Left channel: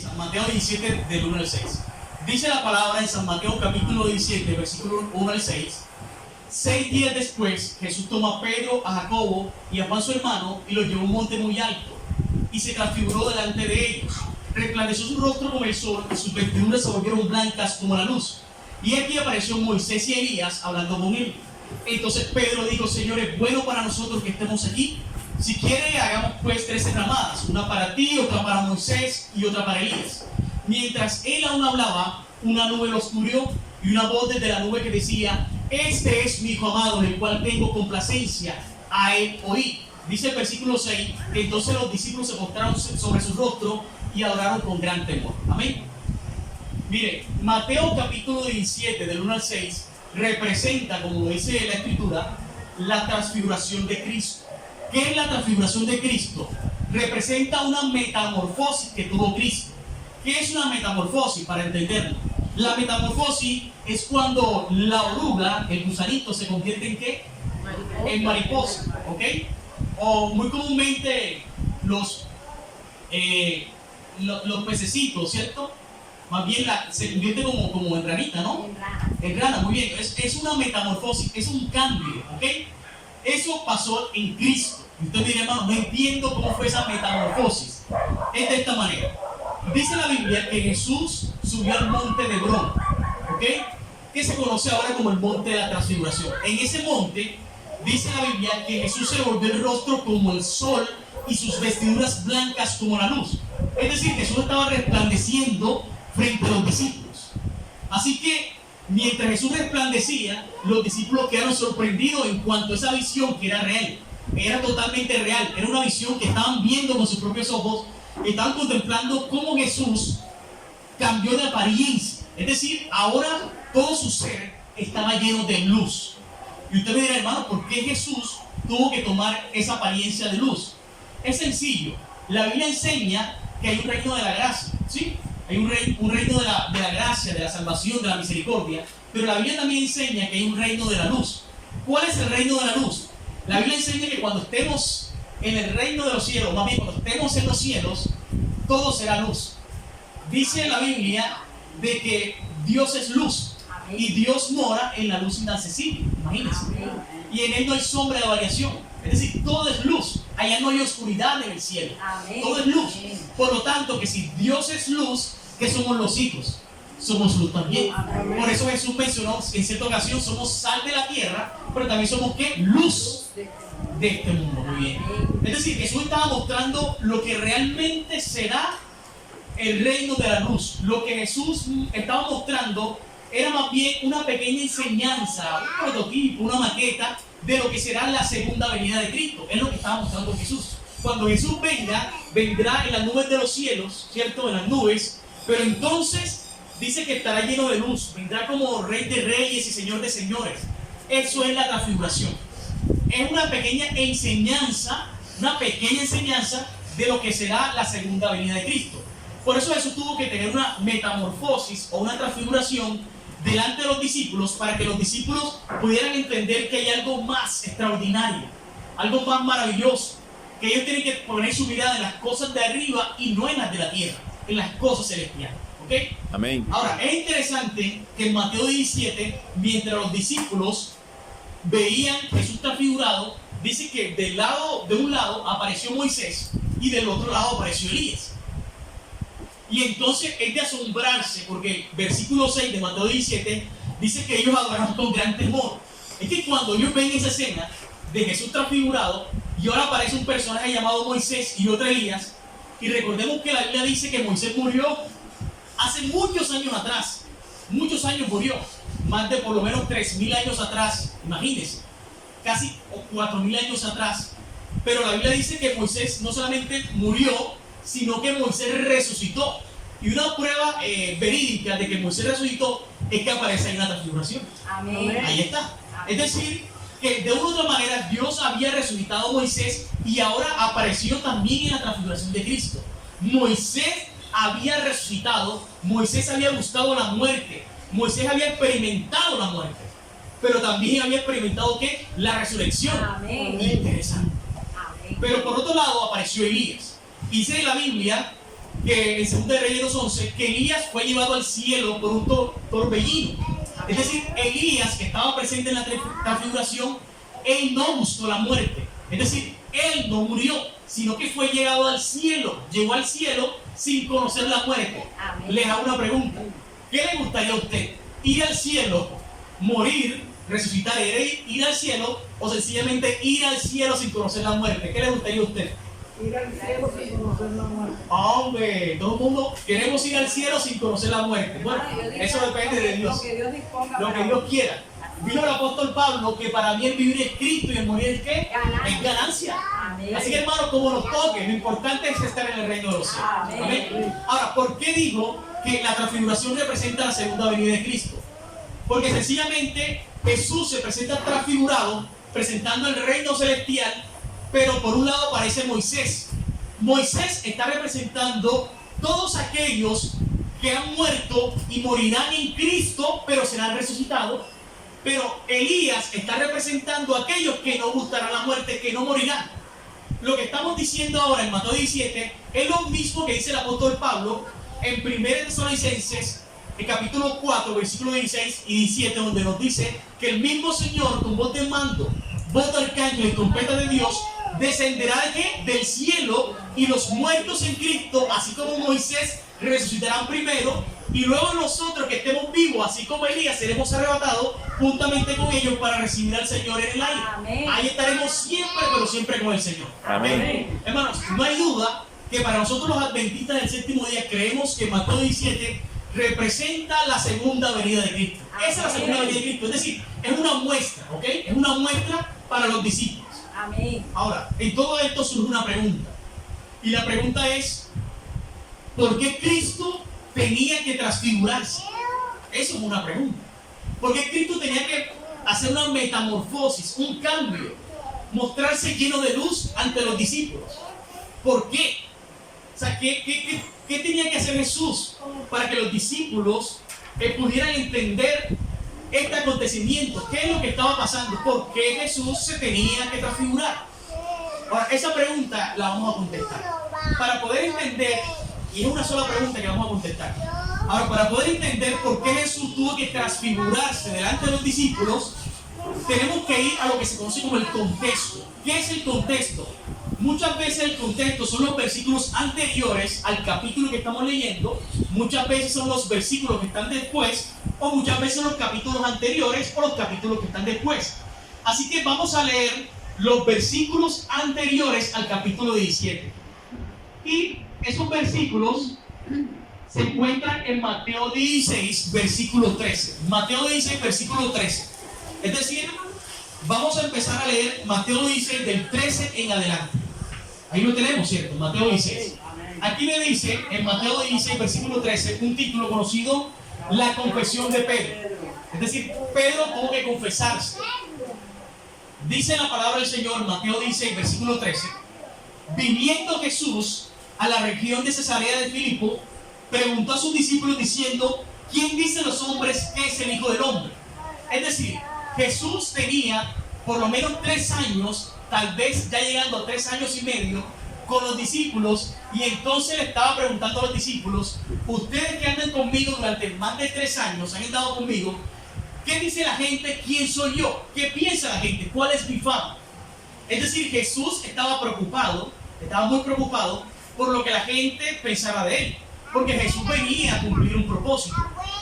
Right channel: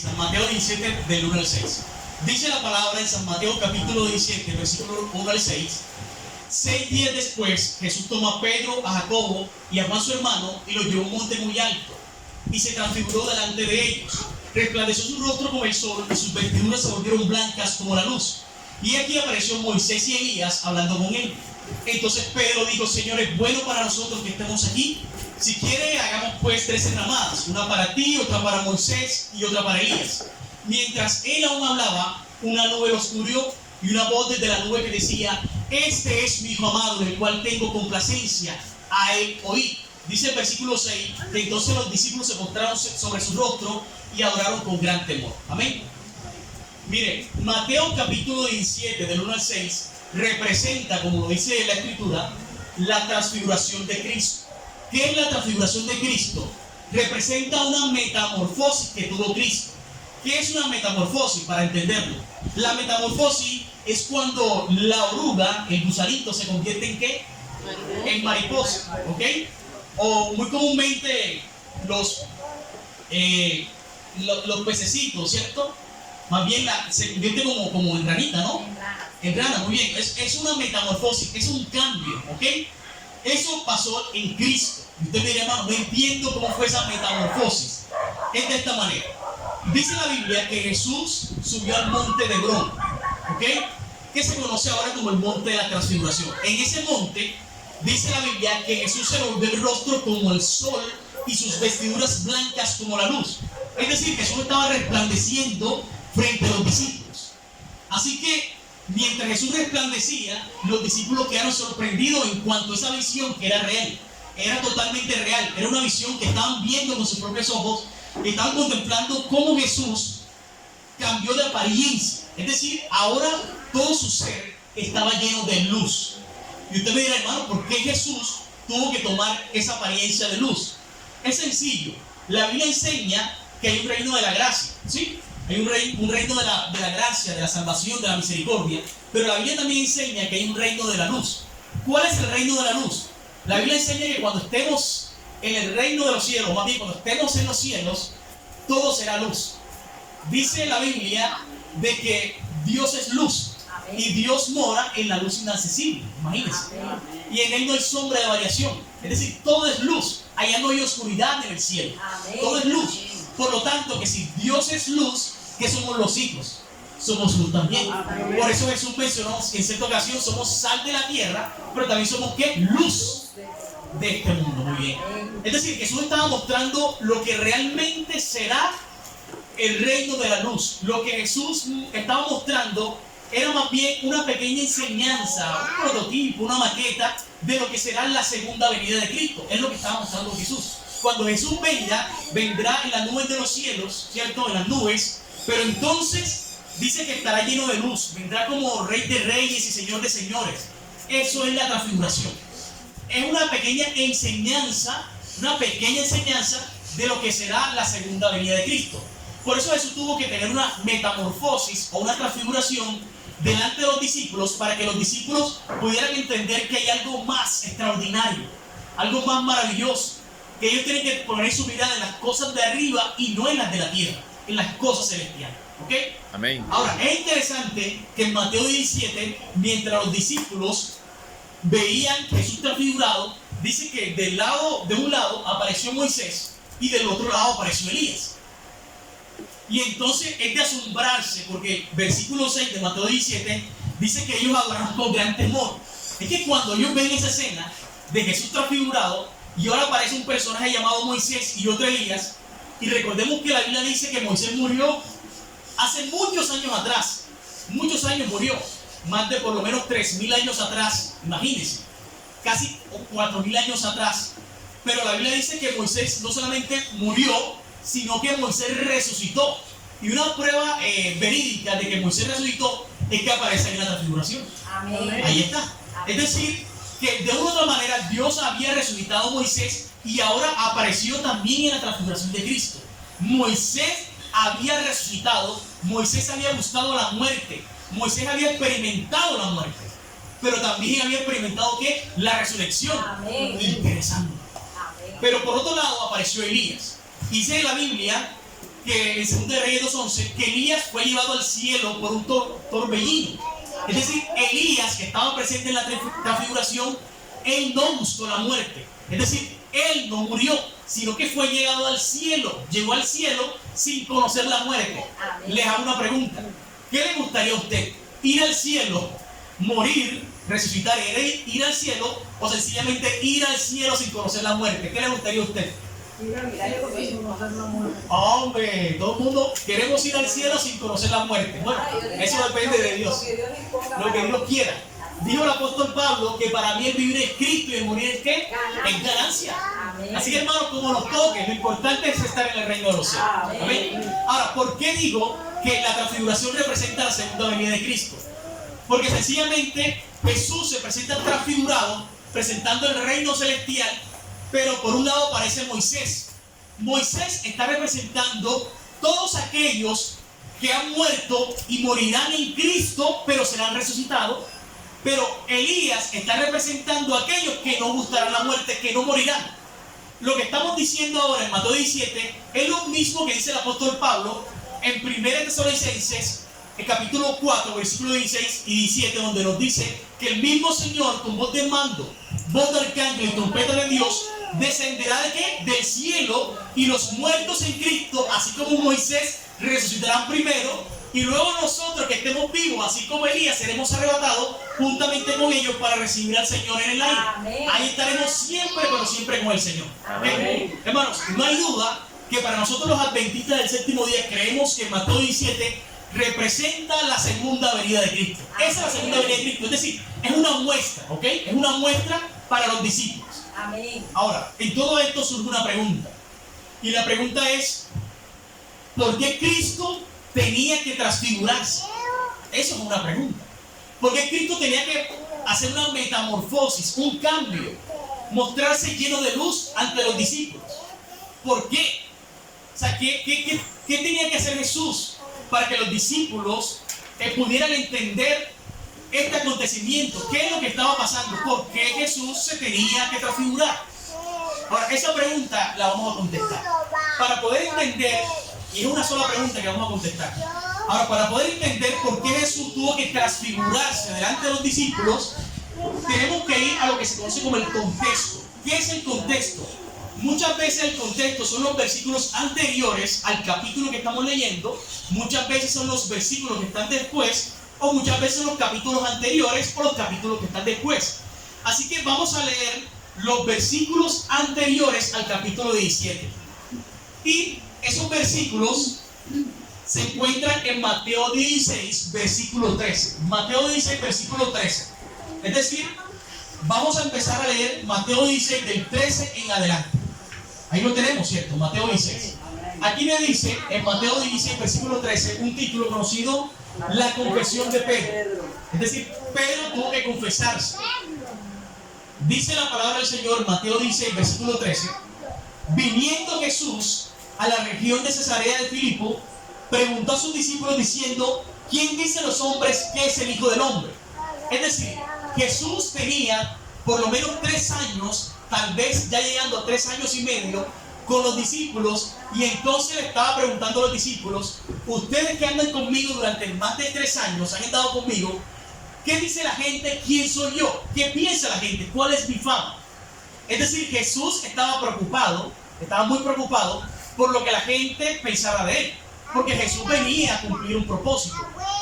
San Mateo 17, del 1 al 6. Dice la palabra en San Mateo capítulo 17, versículo 1 al 6. 6 días después, Jesús toma a Pedro, a Jacobo y a Juan su hermano y los llevó a un monte muy alto y se transfiguró delante de ellos. Resplandeció su rostro como el sol y sus vestiduras se volvieron blancas como la luz. Y aquí apareció Moisés y Elías hablando con él. Entonces Pedro dijo: Señor, es bueno para nosotros que estemos aquí. Si quiere, hagamos pues 3 enramadas, una para ti, otra para Moisés y otra para Elías. Mientras él aún hablaba, una nube los cubrió y una voz desde la nube que decía: Este es mi hijo amado, en el cual tengo complacencia, a él oí. Dice el versículo 6, que entonces los discípulos se postraron sobre su rostro y adoraron con gran temor. Amén. Mire, Mateo capítulo 17, del 1 al 6, representa, como lo dice la Escritura, la transfiguración de Cristo. ¿Qué es la transfiguración de Cristo? Representa una metamorfosis que tuvo Cristo. ¿Qué es una metamorfosis? Para entenderlo, la metamorfosis es cuando la oruga, el gusanito, se convierte en ¿qué? En mariposa, ¿ok? O muy comúnmente los pececitos, ¿cierto? Más bien se convierte como en ranita, ¿no? En rana, muy bien. Es una metamorfosis, es un cambio, ¿ok? Eso pasó en Cristo. Y usted me dirá: hermano, no entiendo cómo fue esa metamorfosis. Es de esta manera. Dice la Biblia que Jesús subió al monte de Hebrón, ¿ok? Que se conoce ahora como el monte de la transfiguración. En ese monte dice la Biblia que Jesús se volvió el rostro como el sol y sus vestiduras blancas como la luz. Es decir, Jesús estaba resplandeciendo frente a los discípulos. Así que mientras Jesús resplandecía, los discípulos quedaron sorprendidos en cuanto a esa visión, que era real, era totalmente real, era una visión que estaban viendo con sus propios ojos, estaban contemplando cómo Jesús cambió de apariencia. Es decir, ahora todo su ser estaba lleno de luz. Y usted me dirá: hermano, ¿por qué Jesús tuvo que tomar esa apariencia de luz? Es sencillo. La Biblia enseña que hay un reino de la gracia, ¿sí? Hay un reino de la gracia, de la salvación, de la misericordia. Pero la Biblia también enseña que hay un reino de la luz. ¿Cuál es el reino de la luz? La Biblia enseña que cuando estemos en el reino de los cielos, más bien cuando estemos en los cielos, todo será luz. Dice la Biblia de que Dios es luz. Amén. Y Dios mora en la luz inaccesible. Imagínense. Amén. Y en él no hay sombra de variación. Es decir, todo es luz. Allá no hay oscuridad en el cielo. Amén. Todo es luz. Amén. Por lo tanto, que si Dios es luz, ¿qué somos los hijos? Somos luz también. Amén. Por eso Jesús mencionó en cierta ocasión: somos sal de la tierra, pero también somos ¿qué? Luz de este mundo. Muy bien. Es decir, Jesús estaba mostrando lo que realmente será el reino de la luz. Lo que Jesús estaba mostrando era más bien una pequeña enseñanza, un prototipo, una maqueta de lo que será la segunda venida de Cristo. Es lo que estaba mostrando Jesús. Cuando Jesús venga, vendrá en las nubes de los cielos, ¿cierto? En las nubes. Pero entonces dice que estará lleno de luz. Vendrá como Rey de Reyes y Señor de Señores. Eso es la transfiguración. Es una pequeña enseñanza de lo que será la segunda venida de Cristo. Por eso Jesús tuvo que tener una metamorfosis o una transfiguración delante de los discípulos, para que los discípulos pudieran entender que hay algo más extraordinario, algo más maravilloso, que ellos tienen que poner su mirada en las cosas de arriba y no en las de la tierra, en las cosas celestiales. ¿Ok? Amén. Ahora, es interesante que en Mateo 17, mientras los discípulos veían Jesús transfigurado, dice que de un lado apareció Moisés y del otro lado apareció Elías. Y entonces es de asombrarse, porque versículo 6 de Mateo 17 dice que ellos adoraron con gran temor. Es que cuando ellos ven esa escena de Jesús transfigurado y ahora aparece un personaje llamado Moisés y otro Elías, y recordemos que la Biblia dice que Moisés murió hace muchos años atrás. Muchos años murió, más de por lo menos 3.000 años atrás, imagínense, casi 4.000 años atrás. Pero la Biblia dice que Moisés no solamente murió, sino que Moisés resucitó. Y una prueba verídica de que Moisés resucitó es que aparece ahí en la transfiguración. Amén. Ahí está. Amén. Es decir, que de una u otra manera Dios había resucitado a Moisés y ahora apareció también en la transfiguración de Cristo. Moisés había resucitado, Moisés había buscado la muerte, Moisés había experimentado la muerte, pero también había experimentado ¿qué? La resurrección. Amén. Interesante. Amén. Pero por otro lado apareció Elías. Dice la Biblia que en 2 Reyes 2:11, que Elías fue llevado al cielo por un torbellino. Es decir, Elías, que estaba presente en la transfiguración, él no gustó la muerte. Es decir, él no murió, sino que fue llegado al cielo. Llegó al cielo sin conocer la muerte. Amén. Les hago una pregunta. ¿Qué le gustaría a usted? ¿Ir al cielo, morir, resucitar, ir al cielo, o sencillamente ir al cielo sin conocer la muerte? ¿Qué le gustaría a usted? Ir al cielo sin conocer la muerte. Hombre, todo el mundo queremos ir al cielo sin conocer la muerte. Bueno, eso depende de Dios. Lo que Dios quiera. Dijo el apóstol Pablo que para mí el vivir es Cristo y el morir es ¿qué? Es ganancia. Amén. Así que hermanos, como nos toque, lo importante es estar en el reino de los cielos. Amén. Ahora, ¿por qué digo que la transfiguración representa la segunda venida de Cristo? Porque sencillamente Jesús se presenta transfigurado, presentando el reino celestial, pero por un lado aparece Moisés. Moisés está representando todos aquellos que han muerto y morirán en Cristo, pero serán resucitados. Pero Elías está representando a aquellos que no gustarán la muerte, que no morirán. Lo que estamos diciendo ahora en Mateo 17 es lo mismo que dice el apóstol Pablo en 1 Tesalonicenses, el capítulo 4, versículos 16 y 17, donde nos dice que el mismo Señor, con voz de mando, voz de arcángel y trompeta de Dios, descenderá ¿de qué? Del cielo, y los muertos en Cristo, así como Moisés, resucitarán primero, y luego nosotros que estemos vivos, así como Elías, seremos arrebatados juntamente con ellos para recibir al Señor en el aire. Amén. Ahí estaremos siempre, pero siempre con el Señor. Amén. Hermanos, no hay duda que para nosotros los adventistas del séptimo día creemos que Mateo 17 representa la segunda venida de Cristo. Esa es la segunda venida de Cristo, es decir, es una muestra, ¿ok? Es una muestra para los discípulos. Amén. Ahora, en todo esto surge una pregunta, y la pregunta es: ¿por qué Cristo tenía que transfigurarse? Eso es una pregunta. ¿Por qué Cristo tenía que hacer una metamorfosis, un cambio, mostrarse lleno de luz ante los discípulos? ¿Por qué? O sea, ¿qué tenía que hacer Jesús para que los discípulos pudieran entender este acontecimiento? ¿Qué es lo que estaba pasando? ¿Por qué Jesús se tenía que transfigurar? Ahora, esa pregunta la vamos a contestar. Para poder entender, y es una sola pregunta que vamos a contestar. Ahora, para poder entender por qué Jesús tuvo que transfigurarse delante de los discípulos, tenemos que ir a lo que se conoce como el contexto. ¿Qué es el contexto? Muchas veces el contexto son los versículos anteriores al capítulo que estamos leyendo, muchas veces son los versículos que están después, o muchas veces los capítulos anteriores o los capítulos que están después. Así que vamos a leer los versículos anteriores al capítulo 17. Y esos versículos se encuentran en Mateo 16, versículo 13. Mateo 16, versículo 13. Es decir, vamos a empezar a leer Mateo 16 del 13 en adelante. Ahí lo tenemos, ¿cierto? Mateo 16. Aquí me dice, en Mateo 16, versículo 13, un título conocido, la confesión de Pedro. Es decir, Pedro tuvo que confesarse. Dice la palabra del Señor, Mateo 16, versículo 13, viniendo Jesús a la región de Cesarea de Filipo, preguntó a sus discípulos diciendo: ¿quién dicen los hombres que es el Hijo del Hombre? Es decir, Jesús tenía por lo menos 3 años, tal vez ya llegando a 3 años y medio, con los discípulos, y entonces le estaba preguntando a los discípulos: ustedes que andan conmigo durante más de 3 años, han estado conmigo, ¿qué dice la gente? ¿Quién soy yo? ¿Qué piensa la gente? ¿Cuál es mi fama? Es decir, Jesús estaba preocupado, estaba muy preocupado por lo que la gente pensaba de él, porque Jesús venía a cumplir un propósito.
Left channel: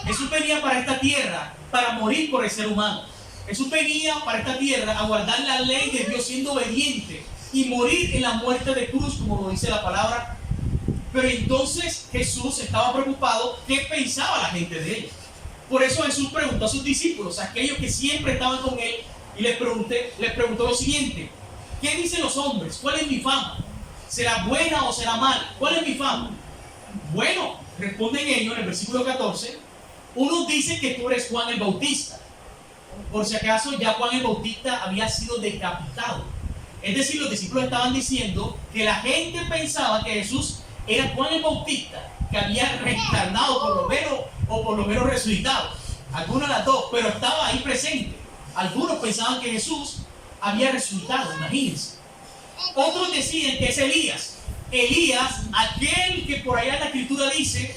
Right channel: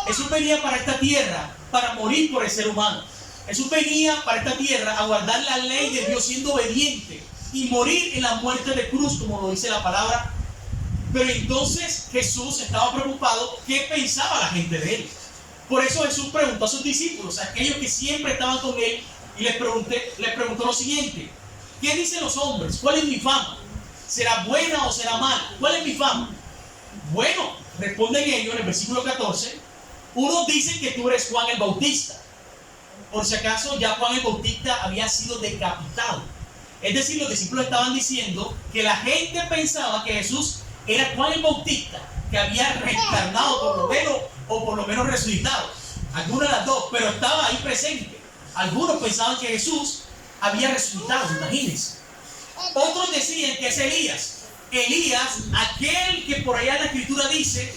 Jesús venía para esta tierra para morir por el ser humano. Jesús venía para esta tierra a guardar la ley de Dios siendo obediente y morir en la muerte de cruz, como lo dice la palabra. Pero entonces Jesús estaba preocupado qué pensaba la gente de él. Por eso Jesús preguntó a sus discípulos, a aquellos que siempre estaban con él, y les preguntó lo siguiente: ¿qué dicen los hombres? ¿Cuál es mi fama? ¿Será buena o será mala? ¿Cuál es mi fama? Bueno, responden ellos en el versículo 14. Unos dicen que tú eres Juan el Bautista. Por si acaso, ya Juan el Bautista había sido decapitado. Es decir, los discípulos estaban diciendo que la gente pensaba que Jesús era Juan el Bautista, que había reencarnado por lo menos resucitado. Algunas de las dos, pero estaba ahí presente. Algunos pensaban que Jesús había resucitado, imagínense. Otros decían que es Elías. Elías, aquel que por allá en la escritura dice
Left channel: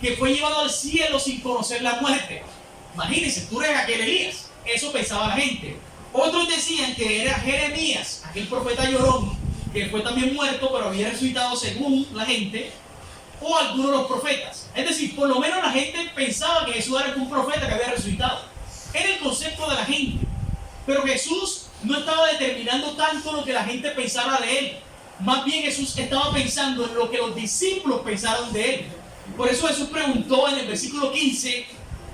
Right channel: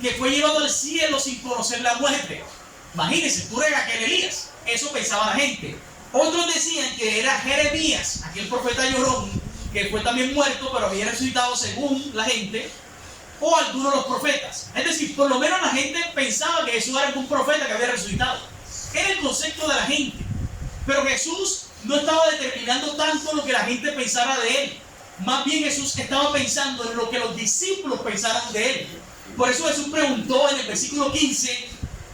que fue llevado al cielo sin conocer la muerte. Imagínense, tú eres aquel Elías. Eso pensaba la gente. Otros decían que era Jeremías, aquel profeta llorón, que fue también muerto, pero había resucitado según la gente, o algunos de los profetas. Es decir, por lo menos la gente pensaba que Jesús era un profeta que había resucitado. Era el concepto de la gente. Pero Jesús no estaba determinando tanto lo que la gente pensara de él. Más bien Jesús estaba pensando en lo que los discípulos pensaron de él. Por eso Jesús preguntó en el versículo 15,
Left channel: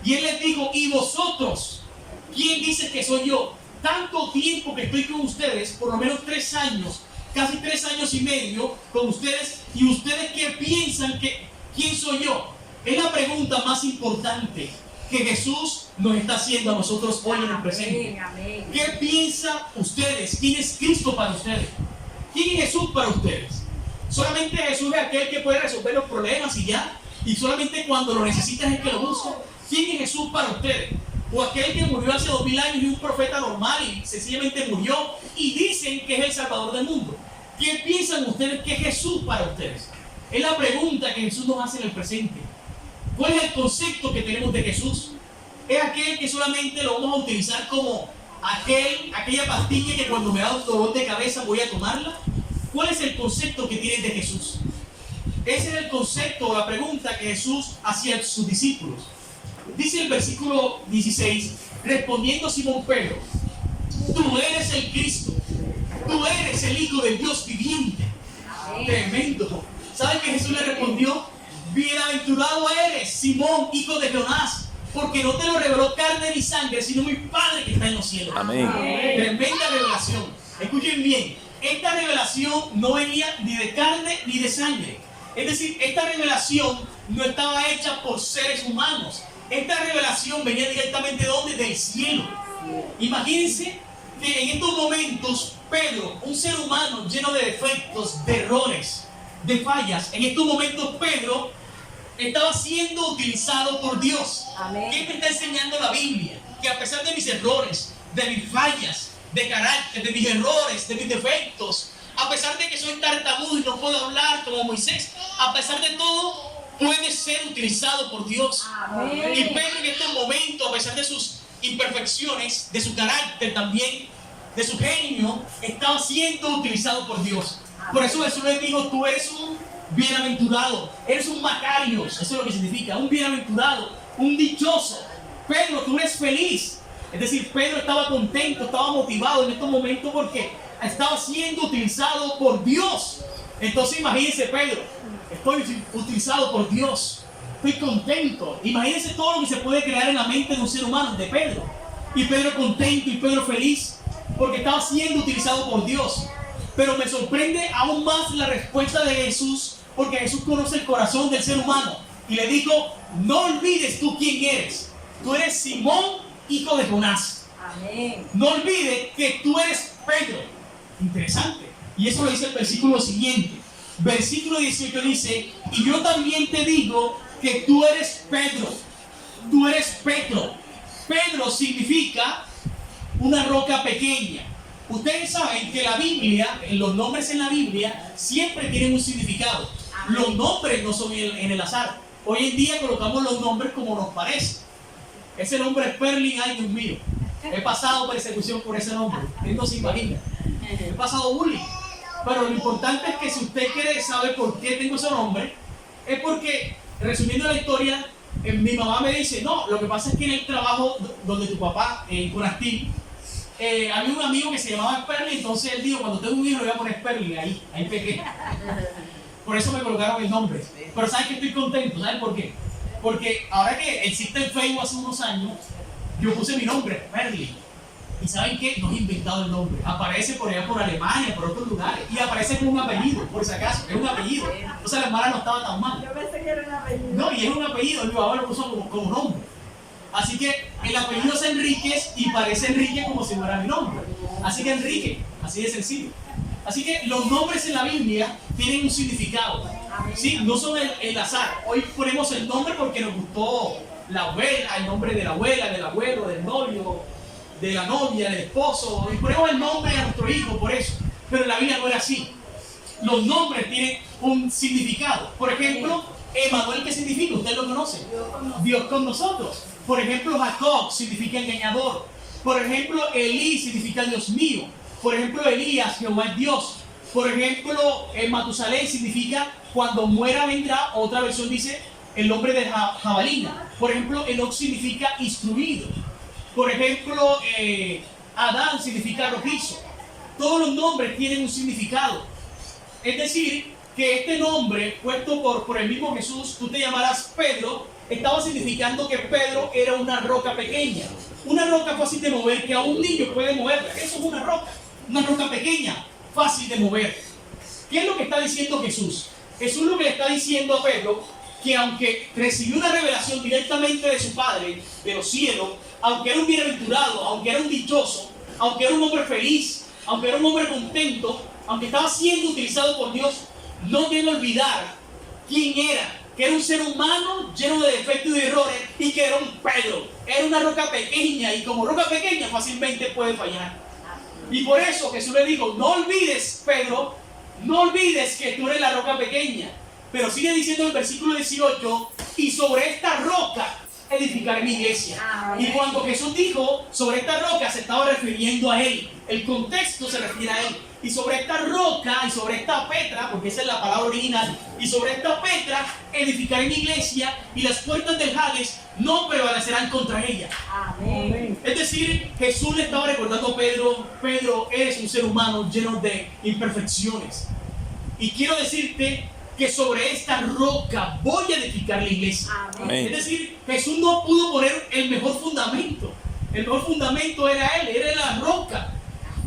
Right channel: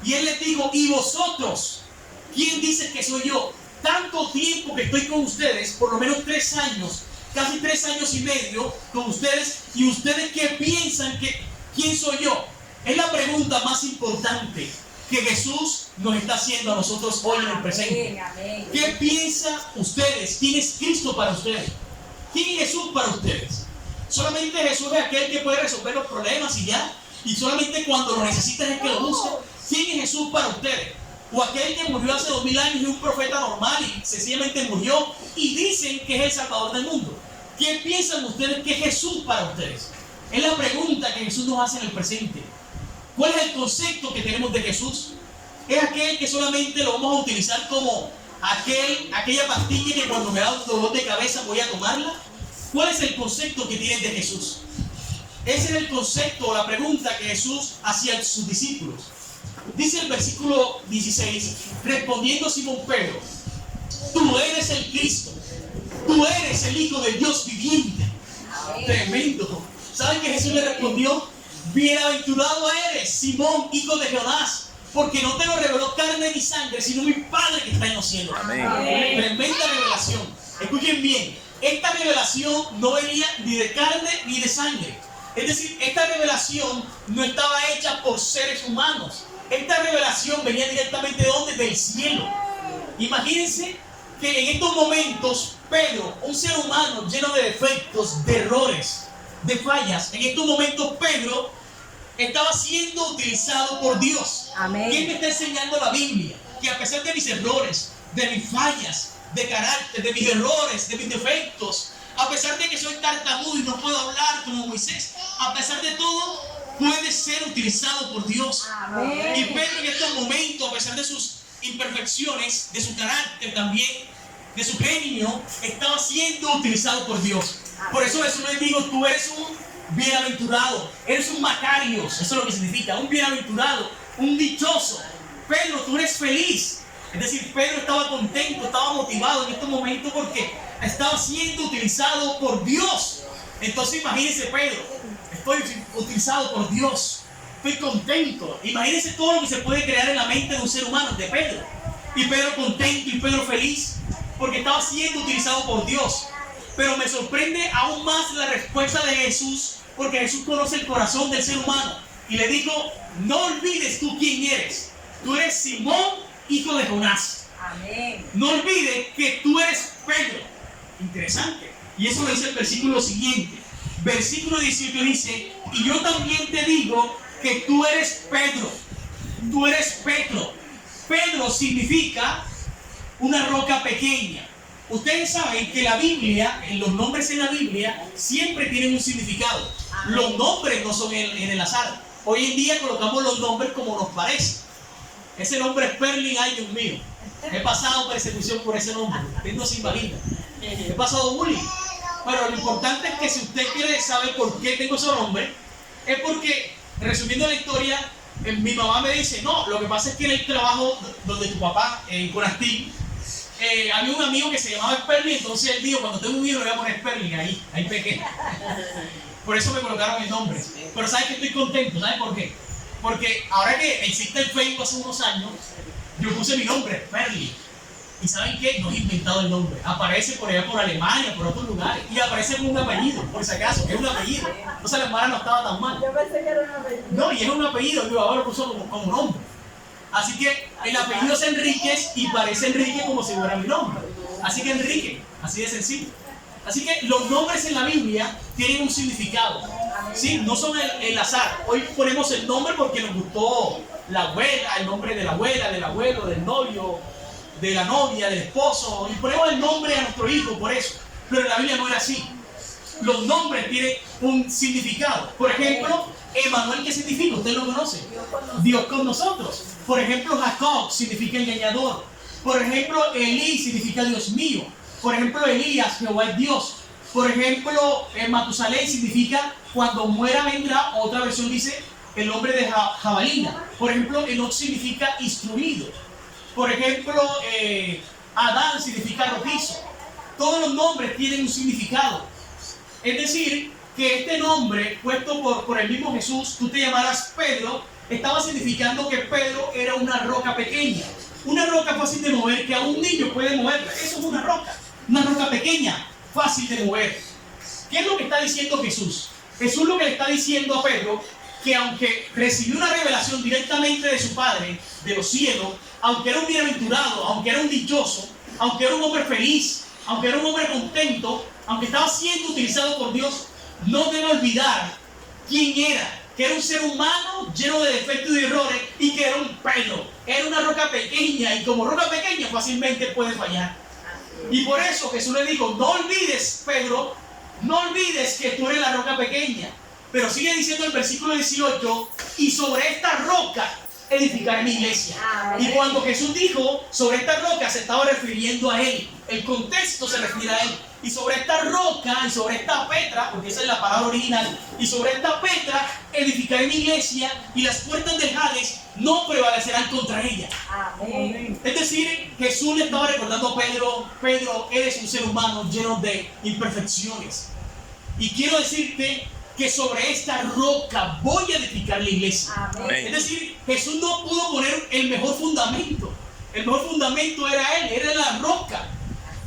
y él les dijo: ¿y vosotros? ¿Quién dice que soy yo? Tanto tiempo que estoy con ustedes, por lo menos 3 años, casi 3 años y medio con ustedes, y ustedes ¿qué piensan que quién soy yo? Es la pregunta más importante que Jesús nos está haciendo a nosotros hoy en el presente. ¿Qué piensan ustedes? ¿Quién es Cristo para ustedes? ¿Quién es Jesús para ustedes? Solamente Jesús es aquel que puede resolver los problemas y ya, y solamente cuando lo necesitas es que lo busca. ¿Quién es Jesús para ustedes? O aquel que murió hace 2000 años y un profeta normal y sencillamente murió y dicen que es el Salvador del mundo. ¿Qué piensan ustedes que es Jesús para ustedes? Es la pregunta que Jesús nos hace en el presente. ¿Cuál es el concepto que tenemos de Jesús? ¿Es aquel que solamente lo vamos a utilizar como aquella pastilla que cuando me da un dolor de cabeza voy a tomarla? ¿Cuál es el concepto que tienen de Jesús? Ese es el concepto o la pregunta que Jesús hacía a sus discípulos. Dice el versículo 16, respondiendo Simón Pedro: tú eres el Cristo, tú eres el Hijo del Dios viviente. Tremendo. ¿Saben que Jesús le respondió? Bienaventurado eres, Simón, hijo de Jonás, porque no te lo reveló carne ni sangre, sino mi Padre que está en los cielos. Amén. Tremenda revelación. Escuchen bien, esta revelación no venía ni de carne ni de sangre. Es decir, esta revelación no estaba hecha por seres humanos. Esta revelación venía directamente ¿de dónde? Del cielo. Imagínense que en estos momentos Pedro, un ser humano lleno de defectos, de errores, de fallas, en estos momentos Pedro estaba siendo utilizado por Dios. Amén. ¿Qué me está enseñando la Biblia? Que a pesar de mis errores, de mis fallas, de carácter, de mis errores, de mis defectos, a pesar de que soy tartamudo y no puedo hablar como Moisés, a pesar de todo, puede ser utilizado por Dios. Amén. Y Pedro en estos momentos, a pesar de sus imperfecciones, de su carácter también, de su genio, estaba siendo utilizado por Dios. Por eso Jesús les dijo: tú eres un bienaventurado, eres un Macarios, eso es lo que significa, un bienaventurado, un dichoso. Pedro, tú eres feliz. Es decir, Pedro estaba contento, estaba motivado en estos momentos porque estaba siendo utilizado por Dios. Entonces imagínense, Pedro, estoy utilizado por Dios, estoy contento. Imagínense todo lo que se puede crear en la mente de un ser humano, de Pedro. Y Pedro contento y Pedro feliz porque estaba siendo utilizado por Dios. Pero me sorprende aún más la respuesta de Jesús, porque Jesús conoce el corazón del ser humano y le dijo: no olvides tú quién eres. Tú eres Simón, hijo de Jonás. Amén. No olvides que tú eres Pedro. Interesante. Y eso lo dice el versículo siguiente. Versículo 18 dice: y yo también te digo que tú eres Pedro. Tú eres Pedro. Pedro significa una roca pequeña. Ustedes saben que la Biblia, los nombres en la Biblia siempre tienen un significado. Los nombres no son en el azar. Hoy en día colocamos los nombres como nos parece. Ese nombre es Perlin, ay Dios mío. He pasado persecución por ese nombre. Usted no se imagina. He pasado bullying. Pero lo importante es que si usted quiere saber por qué tengo ese nombre, es porque, resumiendo la historia, mi mamá me dice: no, lo que pasa es que en el trabajo donde tu papá, en Conastil, había un amigo que se llamaba Sperling, entonces él dijo: cuando tengo un hijo le voy a poner Sperling, ahí pequé. Por eso me colocaron el nombre. Pero ¿sabes que estoy contento? ¿Sabes por qué? Porque ahora que existe el Facebook hace unos años, yo puse mi nombre, Sperling. ¿Y saben qué? No he inventado el nombre. Aparece por allá, por Alemania, por otros lugares. Y aparece como un apellido, por si acaso. Es un apellido. Entonces la hermana no estaba tan mal. Yo pensé que era un apellido. No, y es un apellido. Mi papá lo puso como nombre. Así que el apellido es Enríquez y parece Enrique como si fuera mi nombre. Así que Enrique, así de sencillo. Así que los nombres en la Biblia tienen un significado. ¿Sí? No son el azar. Hoy ponemos el nombre porque nos gustó la abuela, el nombre de la abuela, del abuelo, del novio, de la novia, del esposo. Y ponemos el nombre a nuestro hijo por eso. Pero en la Biblia no era así. los nombres tienen un significado. Por ejemplo, Emanuel, ¿qué significa? Usted lo conoce. Dios con nosotros. Por ejemplo, Jacob significa engañador. Por ejemplo, Elí significa Dios mío. Por ejemplo, Elías, Jehová es Dios. Por ejemplo, Matusalén significa cuando muera vendrá. Otra versión dice el hombre de jabalina. Por ejemplo, Enoch significa instruido. Por ejemplo, Adán significa rojizo. Todos los nombres tienen un significado. Es decir, que este nombre puesto por el mismo Jesús, tú te llamarás Pedro, estaba significando que Pedro era una roca pequeña. Una roca fácil de mover, que a un niño puede moverla. Eso es una roca pequeña, fácil de mover. ¿Qué es lo que está diciendo Jesús? Jesús lo que le está diciendo a Pedro, que aunque recibió una revelación directamente de su Padre, de los cielos, aunque era un bienaventurado, aunque era un dichoso, aunque era un hombre feliz, aunque era un hombre contento, aunque estaba siendo utilizado por Dios, no debe olvidar quién era, que era un ser humano lleno de defectos y de errores, y que era un Pedro, era una roca pequeña, y como roca pequeña fácilmente puede fallar. Y por eso Jesús le dijo, no olvides, Pedro, no olvides que tú eres la roca pequeña. Pero sigue diciendo el versículo 18, y sobre esta roca edificaré mi iglesia. Y cuando Jesús dijo sobre esta roca, se estaba refiriendo a él. El contexto se refiere a él. Y sobre esta roca, y sobre esta petra, porque esa es la palabra original, y sobre esta petra edificaré mi iglesia, y las puertas del Hades no prevalecerán contra ella. Amén. Es decir, Jesús le estaba recordando a Pedro, Pedro, eres un ser humano lleno de imperfecciones. Y quiero decirte que sobre esta roca voy a edificar la iglesia. Amén. Es decir, Jesús no pudo poner el mejor fundamento. El mejor fundamento era él, era la roca.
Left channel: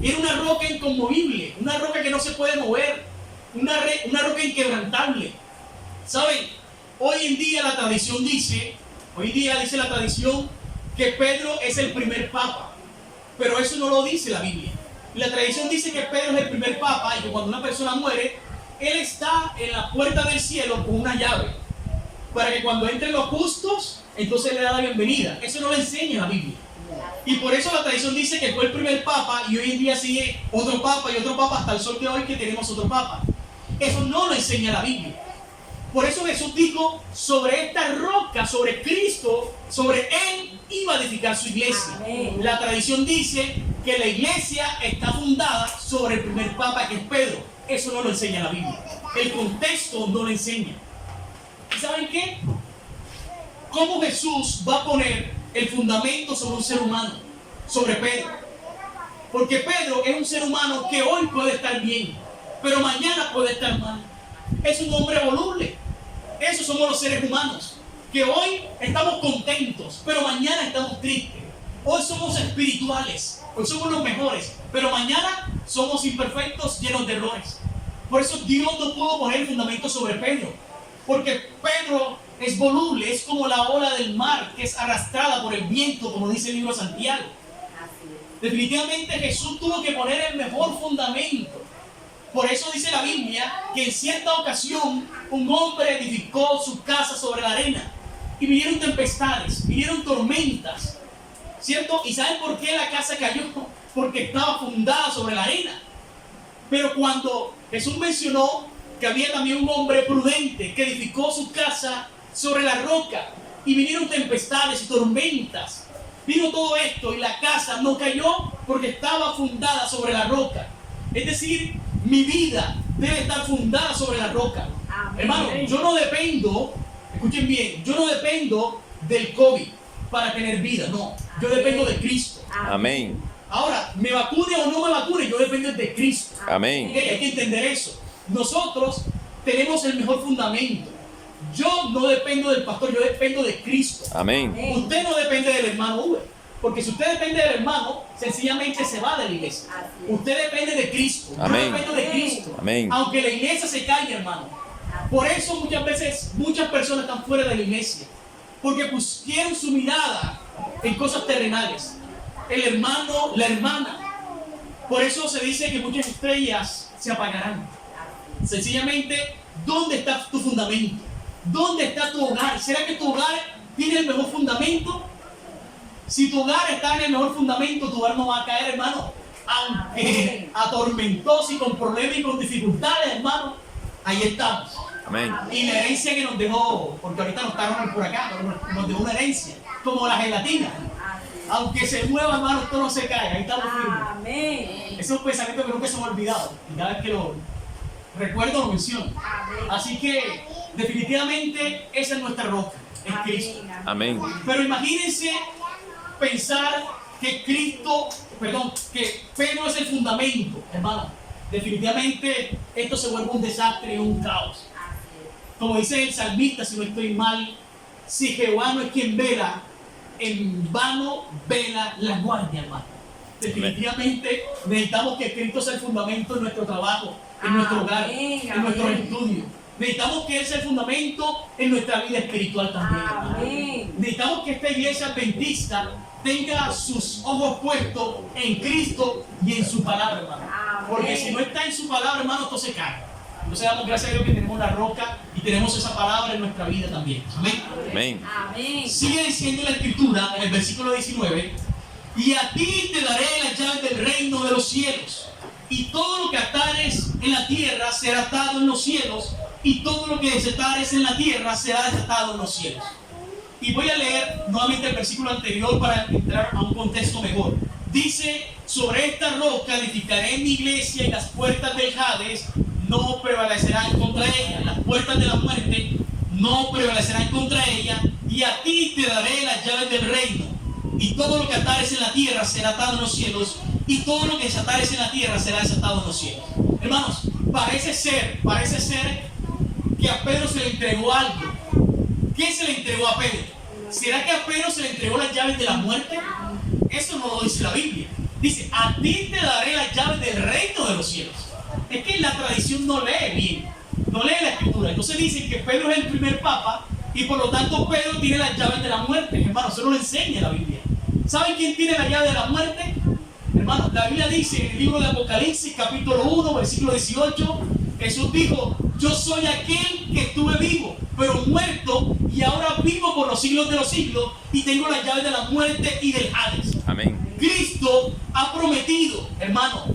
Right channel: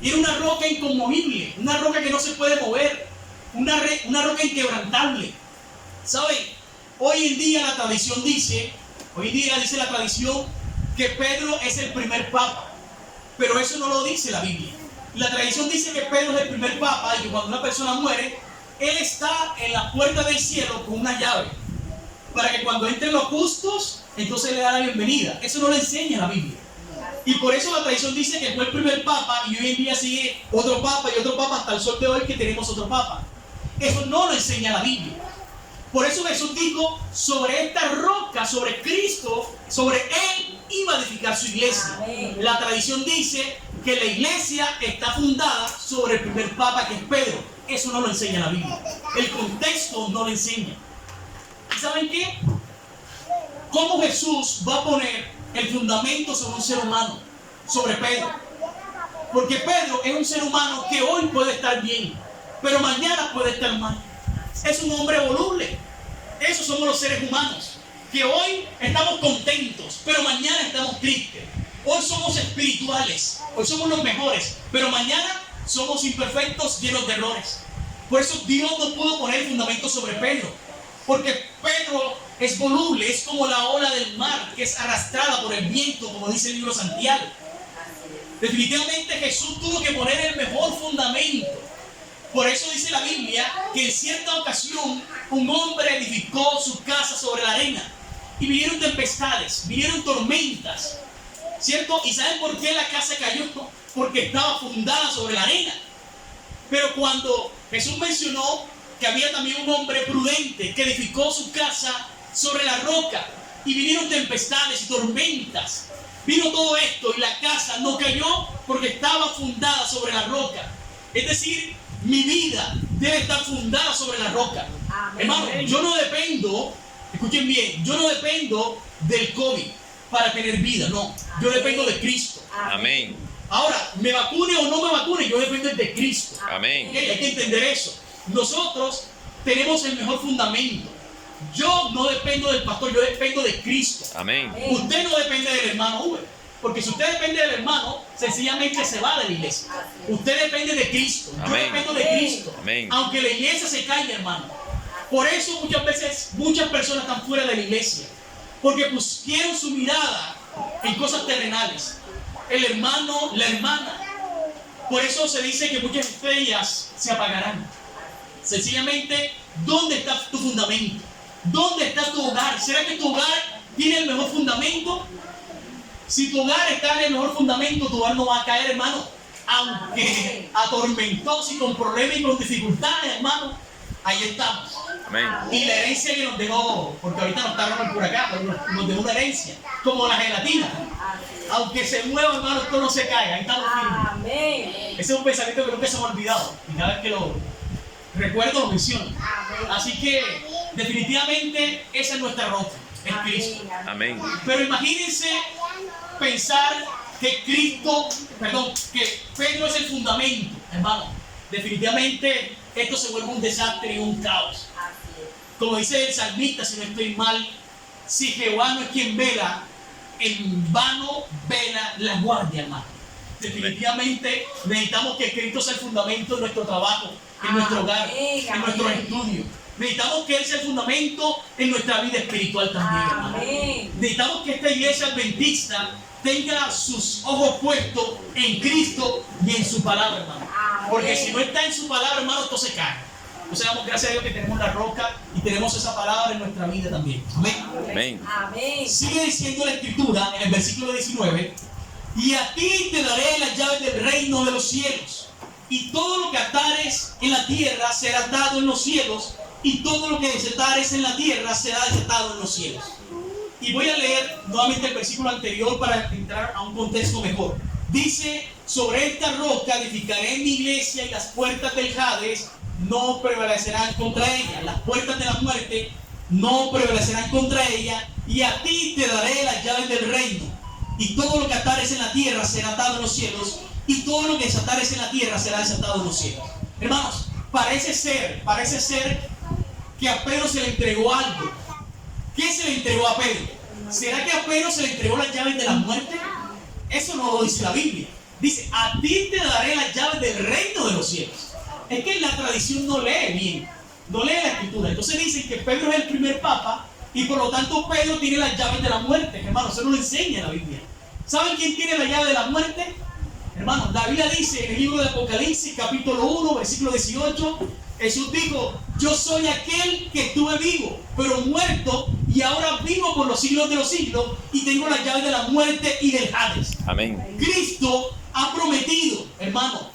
Era una roca inconmovible, una roca que no se puede mover, una roca inquebrantable. ¿Saben? Hoy en día la tradición dice, la tradición que Pedro es el primer papa. Pero eso no lo dice la Biblia. La tradición dice que Pedro es el primer papa y que cuando una persona muere, él está en la puerta del cielo con una llave, para que cuando entren los justos, entonces le da la bienvenida. Eso no lo enseña la Biblia. Y por eso la tradición dice que fue el primer papa y hoy en día sigue otro papa y otro papa hasta el sol de hoy que tenemos otro papa. Eso no lo enseña la Biblia. Por eso Jesús dijo, sobre esta roca, sobre Cristo, sobre él iba a edificar su iglesia. Amén. La tradición dice que la iglesia está fundada sobre el primer papa, que es Pedro. Eso no lo enseña la Biblia. El contexto no lo enseña. ¿Y saben qué? ¿Cómo Jesús va a poner el fundamento sobre un ser humano? Sobre Pedro. Porque Pedro es un ser humano que hoy puede estar bien, pero mañana puede estar mal. Es un hombre voluble. Esos somos los seres humanos, que hoy estamos contentos, pero mañana estamos tristes. Hoy somos espirituales, hoy somos los mejores, pero mañana somos imperfectos, llenos de errores. Por eso Dios no pudo poner el fundamento sobre Pedro, porque Pedro es voluble, es como la ola del mar que es arrastrada por el viento, como dice el libro de Santiago. Definitivamente Jesús tuvo que poner el mejor fundamento. Por eso dice la Biblia que en cierta ocasión un hombre edificó su casa sobre la arena y vinieron tempestades, vinieron tormentas, ¿cierto? ¿Y saben por qué la casa cayó? Porque estaba fundada sobre la arena. Pero cuando Jesús mencionó que había también un hombre prudente que edificó su casa sobre la roca y vinieron tempestades y tormentas, vino todo esto y la casa no cayó porque estaba fundada sobre la roca. Es decir, mi vida debe estar fundada sobre la roca. Amén. Hermano, yo no dependo, escuchen bien, yo no dependo del COVID para tener vida, no. Yo dependo de Cristo. Amén. Ahora, me vacune o no me vacune, yo dependo de Cristo. Amén. ¿Okay? Hay que entender eso. Nosotros tenemos el mejor fundamento. Yo no dependo del pastor, yo dependo de Cristo. Amén. Usted no depende del hermano Uber. Porque si usted depende del hermano, sencillamente se va de la iglesia. Usted depende de Cristo. Yo Amén. dependo de Cristo. Amén. Aunque la iglesia se caiga, hermano. Por eso muchas veces muchas personas están fuera de la iglesia. Porque pusieron su mirada en cosas terrenales. El hermano, la hermana. Por eso se dice que muchas estrellas se apagarán. Sencillamente, ¿dónde está tu fundamento? ¿Dónde está tu hogar? ¿Será que tu hogar tiene el mejor fundamento? Si tu hogar está en el mejor fundamento, tu hogar no va a caer, hermano. aunque atormentosos y con problemas y con dificultades, hermano, ahí estamos. Amén. Y la herencia que nos dejó, porque ahorita nos está el huracán, pero nos dejó una herencia, como la gelatina. Aunque se mueva, hermano, esto no se cae, ahí estamos firmes. Amén. Ese es un pensamiento que nunca se me ha olvidado. Y cada vez que lo recuerdo, lo menciono. Así que, definitivamente, esa es nuestra roca, es Cristo. Amén. Pero imagínense pensar que que Pedro es el fundamento, hermano. Definitivamente, esto se vuelve un desastre y un caos. Como dice el salmista, si no estoy mal, si Jehová no es quien vela, en vano vela la guardia, hermano. Definitivamente necesitamos que Cristo sea el fundamento de nuestro trabajo, en nuestro hogar, en nuestros estudios. Necesitamos que Él sea el fundamento en nuestra vida espiritual también, hermano. Necesitamos que esta iglesia adventista tenga sus ojos puestos en Cristo y en su palabra, hermano. Porque si no está en su palabra, hermano, esto se cae. Entonces damos gracias a Dios que tenemos la roca y tenemos esa palabra en nuestra vida también. Amén. Amén. Sigue diciendo la escritura en el versículo 19: y a ti te daré las llaves del reino de los cielos, y todo lo que atares en la tierra será atado en los cielos, y todo lo que desatares en la tierra será desatado en los cielos. Y voy a leer nuevamente el versículo anterior para entrar a un contexto mejor. Dice: sobre esta roca edificaré mi iglesia, y las puertas del Hades no prevalecerán contra ella. Las puertas de la muerte no prevalecerán contra ella. Y a ti te daré las llaves del reino. Y todo lo que atares en la tierra será atado en los cielos, y todo lo que desatares en la tierra será desatado en los cielos. Hermanos, parece ser que a Pedro se le entregó algo. ¿Qué se le entregó a Pedro? ¿Será que a Pedro se le entregó las llaves de la muerte? Eso no lo dice la Biblia. Dice: a ti te daré las llaves del reino de los cielos. Es que la tradición no lee bien, no lee la escritura. Entonces dicen que Pedro es el primer papa, y por lo tanto Pedro tiene las llaves de la muerte. Hermano, eso no lo enseña la Biblia. ¿Saben quién tiene la llave de la muerte? Hermano, la Biblia dice en el libro de Apocalipsis, capítulo 1, versículo 18, Jesús dijo: yo soy aquel que estuve vivo, pero muerto, y ahora vivo por los siglos de los siglos, y tengo las llaves de la muerte y del Hades. Amén. Cristo ha prometido, hermano,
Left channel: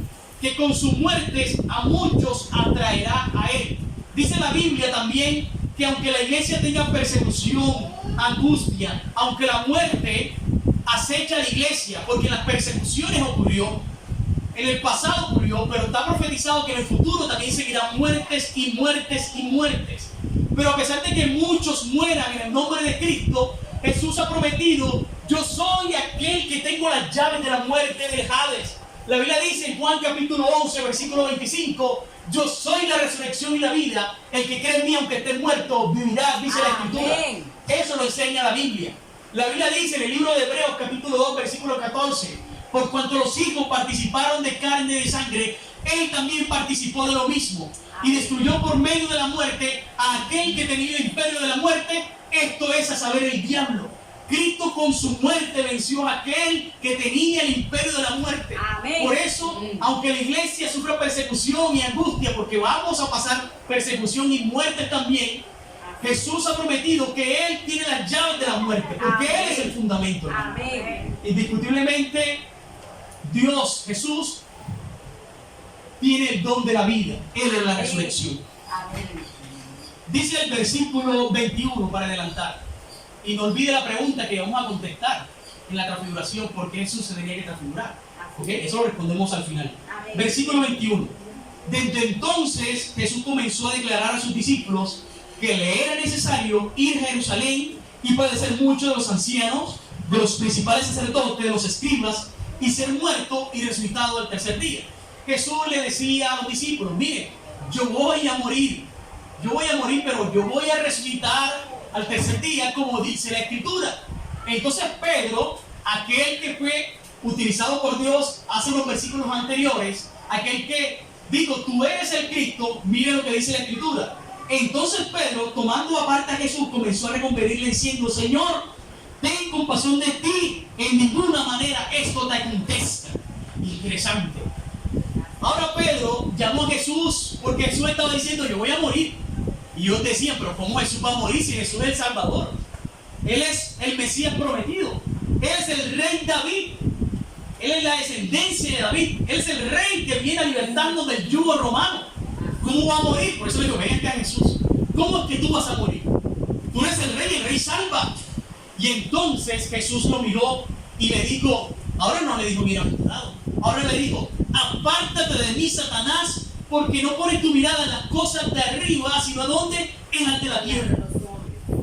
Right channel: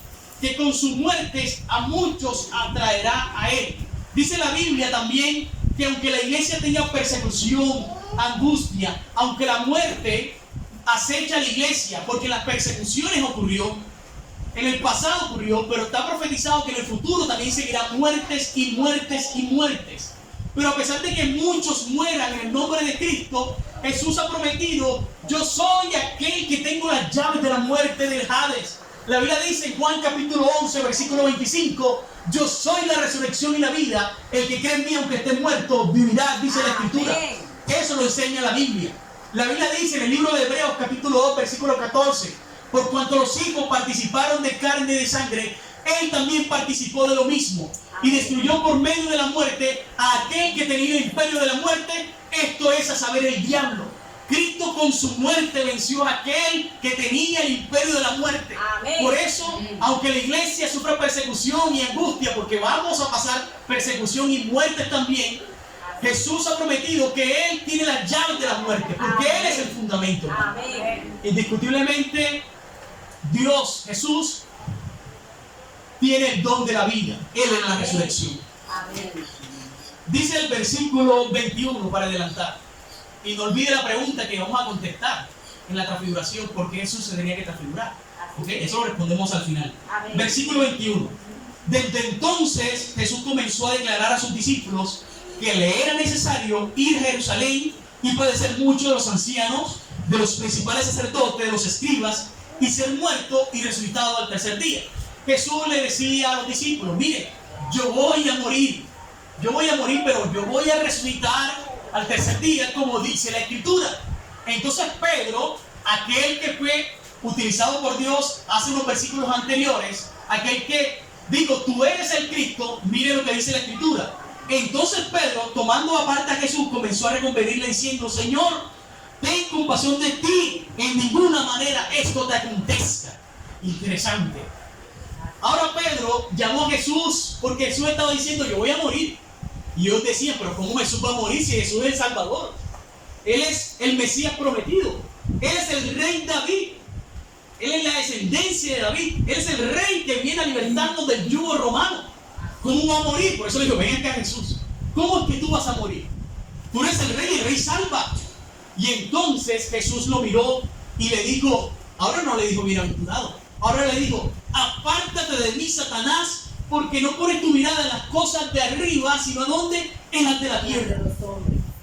que con sus muertes a muchos atraerá a Él. Dice la Biblia también que aunque la iglesia tenga persecución, angustia, aunque la muerte acecha a la iglesia, porque las persecuciones ocurrió, en el pasado ocurrió, pero está profetizado que en el futuro también seguirán muertes y muertes y muertes. Pero a pesar de que muchos mueran en el nombre de Cristo, Jesús ha prometido: yo soy aquel que tengo las llaves de la muerte del Hades. La Biblia dice en Juan capítulo 11, versículo 25: yo soy la resurrección y la vida, el que cree en mí aunque esté muerto vivirá, dice la escritura. Eso lo enseña la Biblia. La Biblia dice en el libro de Hebreos capítulo 2, versículo 14: por cuanto los hijos participaron de carne y de sangre, Él también participó de lo mismo, y destruyó por medio de la muerte a aquel que tenía el imperio de la muerte, esto es, a saber, el diablo. Cristo con su muerte venció a aquel que tenía el imperio de la muerte. Amén. Por eso, aunque la iglesia sufra persecución y angustia, porque vamos a pasar persecución y muerte también, Jesús ha prometido que Él tiene las llaves de la muerte, porque Amén. Él es el fundamento. Amén. Indiscutiblemente, Dios, Jesús, tiene el don de la vida. Él es la resurrección. Amén. Dice el versículo 21 para adelantar. Y no olvide la pregunta que vamos a contestar en la transfiguración: ¿por qué Jesús se tenía que transfigurar? ¿Okay? Eso lo respondemos al final. Amén. Versículo 21. Desde entonces Jesús comenzó a declarar a sus discípulos que le era necesario ir a Jerusalén y padecer mucho de los ancianos, de los principales sacerdotes, de los escribas, y ser muerto y resucitado al tercer día. Jesús le decía a los discípulos: mire, yo voy a morir, pero yo voy a resucitar al tercer día, como dice la escritura. Entonces Pedro, aquel que fue utilizado por Dios hace unos versículos anteriores, aquel que dijo: tú eres el Cristo, mire lo que dice la escritura. Entonces Pedro, tomando aparte a Jesús, comenzó a reconvenirle diciendo: Señor, ten compasión de ti, en ninguna manera esto te acontezca. Interesante. Ahora Pedro llamó a Jesús porque Jesús estaba diciendo: yo voy a morir. Y ellos decían: pero ¿cómo Jesús va a morir si Jesús es el Salvador? Él es el Mesías prometido. Él es el rey David. Él es la descendencia de David. Él es el rey que viene a libertarnos del yugo romano. ¿Cómo va a morir? Por eso le digo, ven a Jesús. ¿Cómo es que tú vas a morir? Tú eres el rey salva. Y entonces Jesús lo miró y le dijo, ahora no le dijo bienaventurado, ahora le dijo, apártate de mí, Satanás, porque no pones tu mirada en las cosas de arriba, sino ¿a dónde? Es ante la tierra,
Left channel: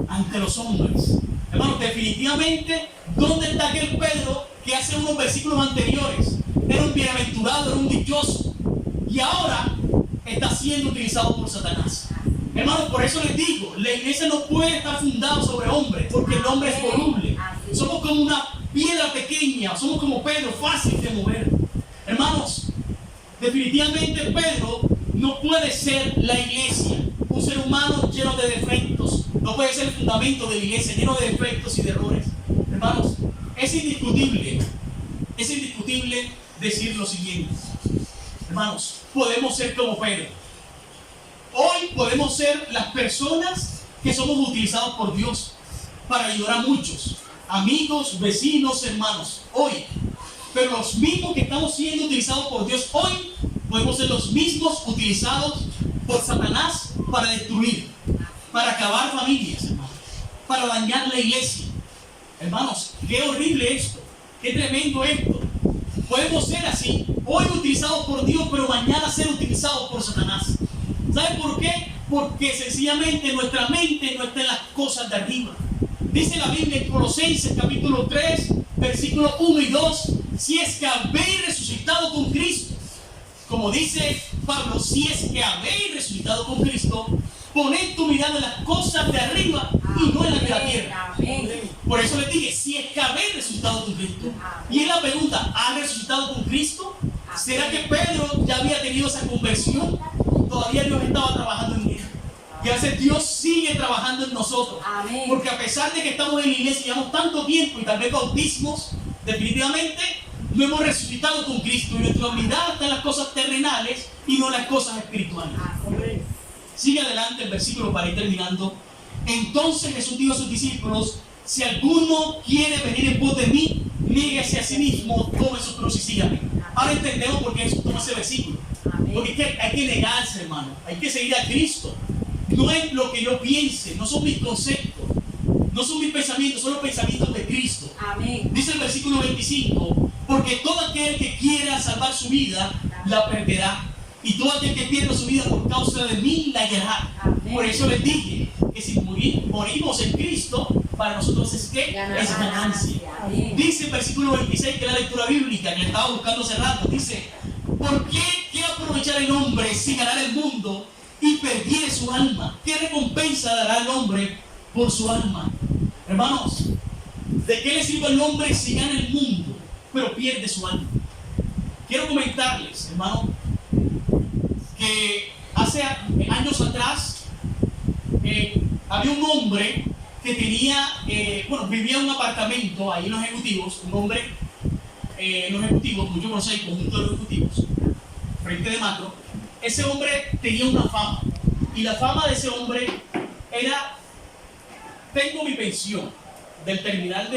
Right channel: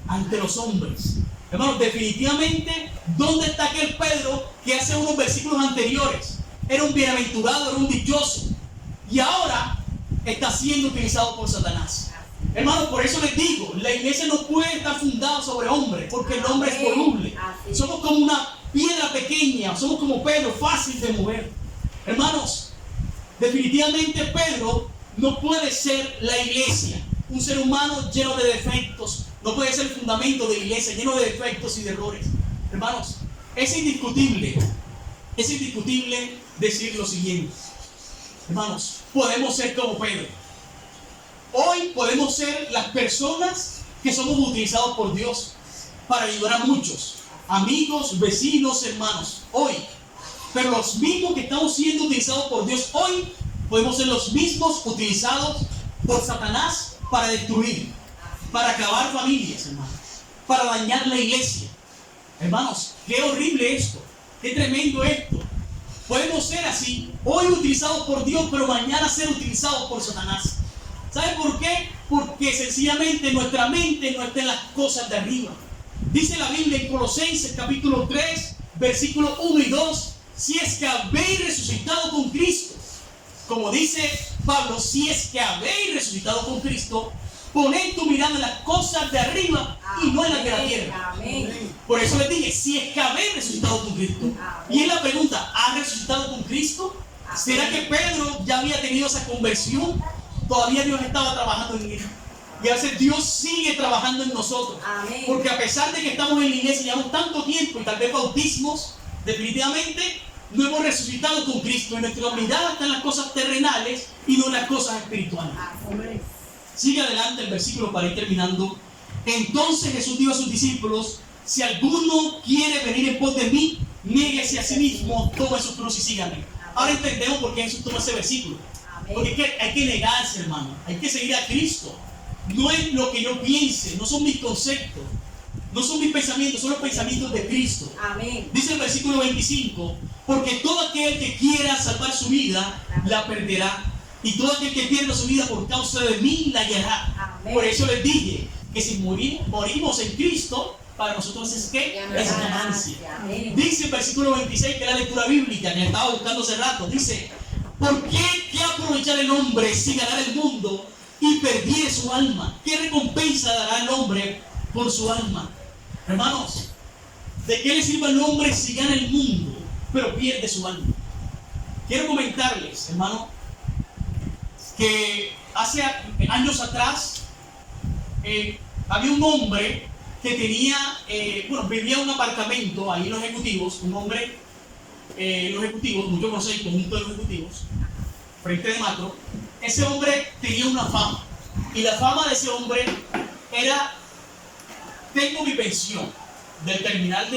ante los hombres. Hermanos, definitivamente, ¿dónde está aquel Pedro que hace unos versículos anteriores era un bienaventurado, era un dichoso, y ahora está siendo utilizado por Satanás? Hermanos, por eso les digo, la iglesia no puede estar fundada sobre hombres, porque el hombre es voluble. Somos como una piedra pequeña, somos como Pedro, fácil de mover. Hermanos, definitivamente Pedro no puede ser la iglesia. Un ser humano lleno de defectos no puede ser el fundamento de la iglesia, lleno de defectos y de errores. Hermanos, es indiscutible decir lo siguiente. Hermanos, podemos ser como Pedro. Hoy podemos ser las personas que somos utilizados por Dios para ayudar a muchos, amigos, vecinos, hermanos, hoy. Pero los mismos que estamos siendo utilizados por Dios hoy, podemos ser los mismos utilizados por Satanás para destruir, para acabar familias, hermanos, para dañar la iglesia. Hermanos, qué horrible esto, qué tremendo esto. Podemos ser así, hoy utilizados por Dios, pero mañana ser utilizados por Satanás. ¿Sabe por qué? Porque sencillamente nuestra mente no está en las cosas de arriba. Dice la Biblia en Colosenses capítulo 3, versículos 1 y 2, si es que habéis resucitado con Cristo. Como dice Pablo, si es que habéis resucitado con Cristo, poned tu mirada en las cosas de arriba y no en las de la tierra. Por eso les dije, si es que habéis resucitado con Cristo. Y es la pregunta, ¿has resucitado con Cristo? ¿Será que Pedro ya había tenido esa conversión? Todavía Dios estaba trabajando en él. Y a veces Dios sigue trabajando en nosotros. Amén. Porque a pesar de que estamos en la iglesia y llevamos tanto tiempo y tal vez bautismos, definitivamente no hemos resucitado con Cristo. Y nuestra mirada está en las cosas terrenales y no en las cosas espirituales. Sigue adelante el versículo para ir terminando. Entonces Jesús dijo a sus discípulos, si alguno quiere venir en pos de mí, niéguese a sí mismo, tome su cruz y sígame. Ahora entendemos por qué Jesús toma ese versículo. Porque es que hay que negarse, hermano. Hay que seguir a Cristo. No es lo que yo piense, no son mis conceptos, no son mis pensamientos, son los pensamientos de Cristo. Amén. Dice el versículo 25, porque todo aquel que quiera salvar su vida, la perderá. Y todo aquel que pierda su vida por causa de mí, la hallará. Amén. Por eso les dije que si morimos en Cristo, para nosotros es que es ganancia. Amén. Dice el versículo 26, que es la lectura bíblica, que estaba buscando hace rato, dice, ¿por qué aprovechar el hombre si ganar el mundo y perdiere su alma? ¿Qué recompensa dará el hombre por su alma? Hermanos, ¿de qué le sirve al hombre si gana el mundo pero pierde su alma? Quiero comentarles, hermano, que hace años atrás había un hombre que tenía, vivía en un apartamento ahí en los ejecutivos, un hombre, los ejecutivos, muchos conocen el conjunto de los ejecutivos, frente de Macro. Ese hombre tenía una fama, y la fama de ese hombre era, tengo mi pensión del terminal,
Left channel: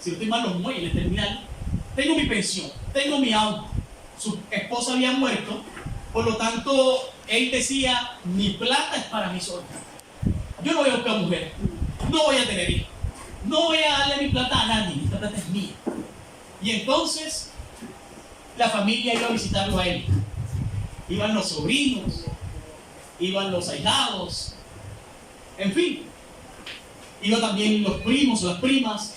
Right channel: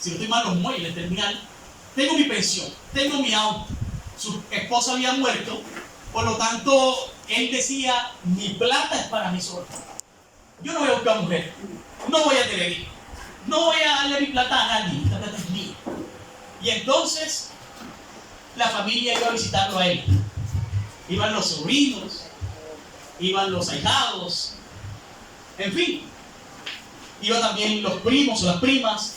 si no estoy mal, los muelles del terminal, tengo mi pensión, tengo mi auto. Su esposa había muerto, por lo tanto, él decía, mi plata es para mí solo. Yo no voy a buscar mujer, no voy a tener hijos, no voy a darle mi plata a nadie, esta plata es mía. Y entonces, la familia iba a visitarlo a él. Iban los sobrinos, iban los ahijados, en fin. Iban también los primos o las primas.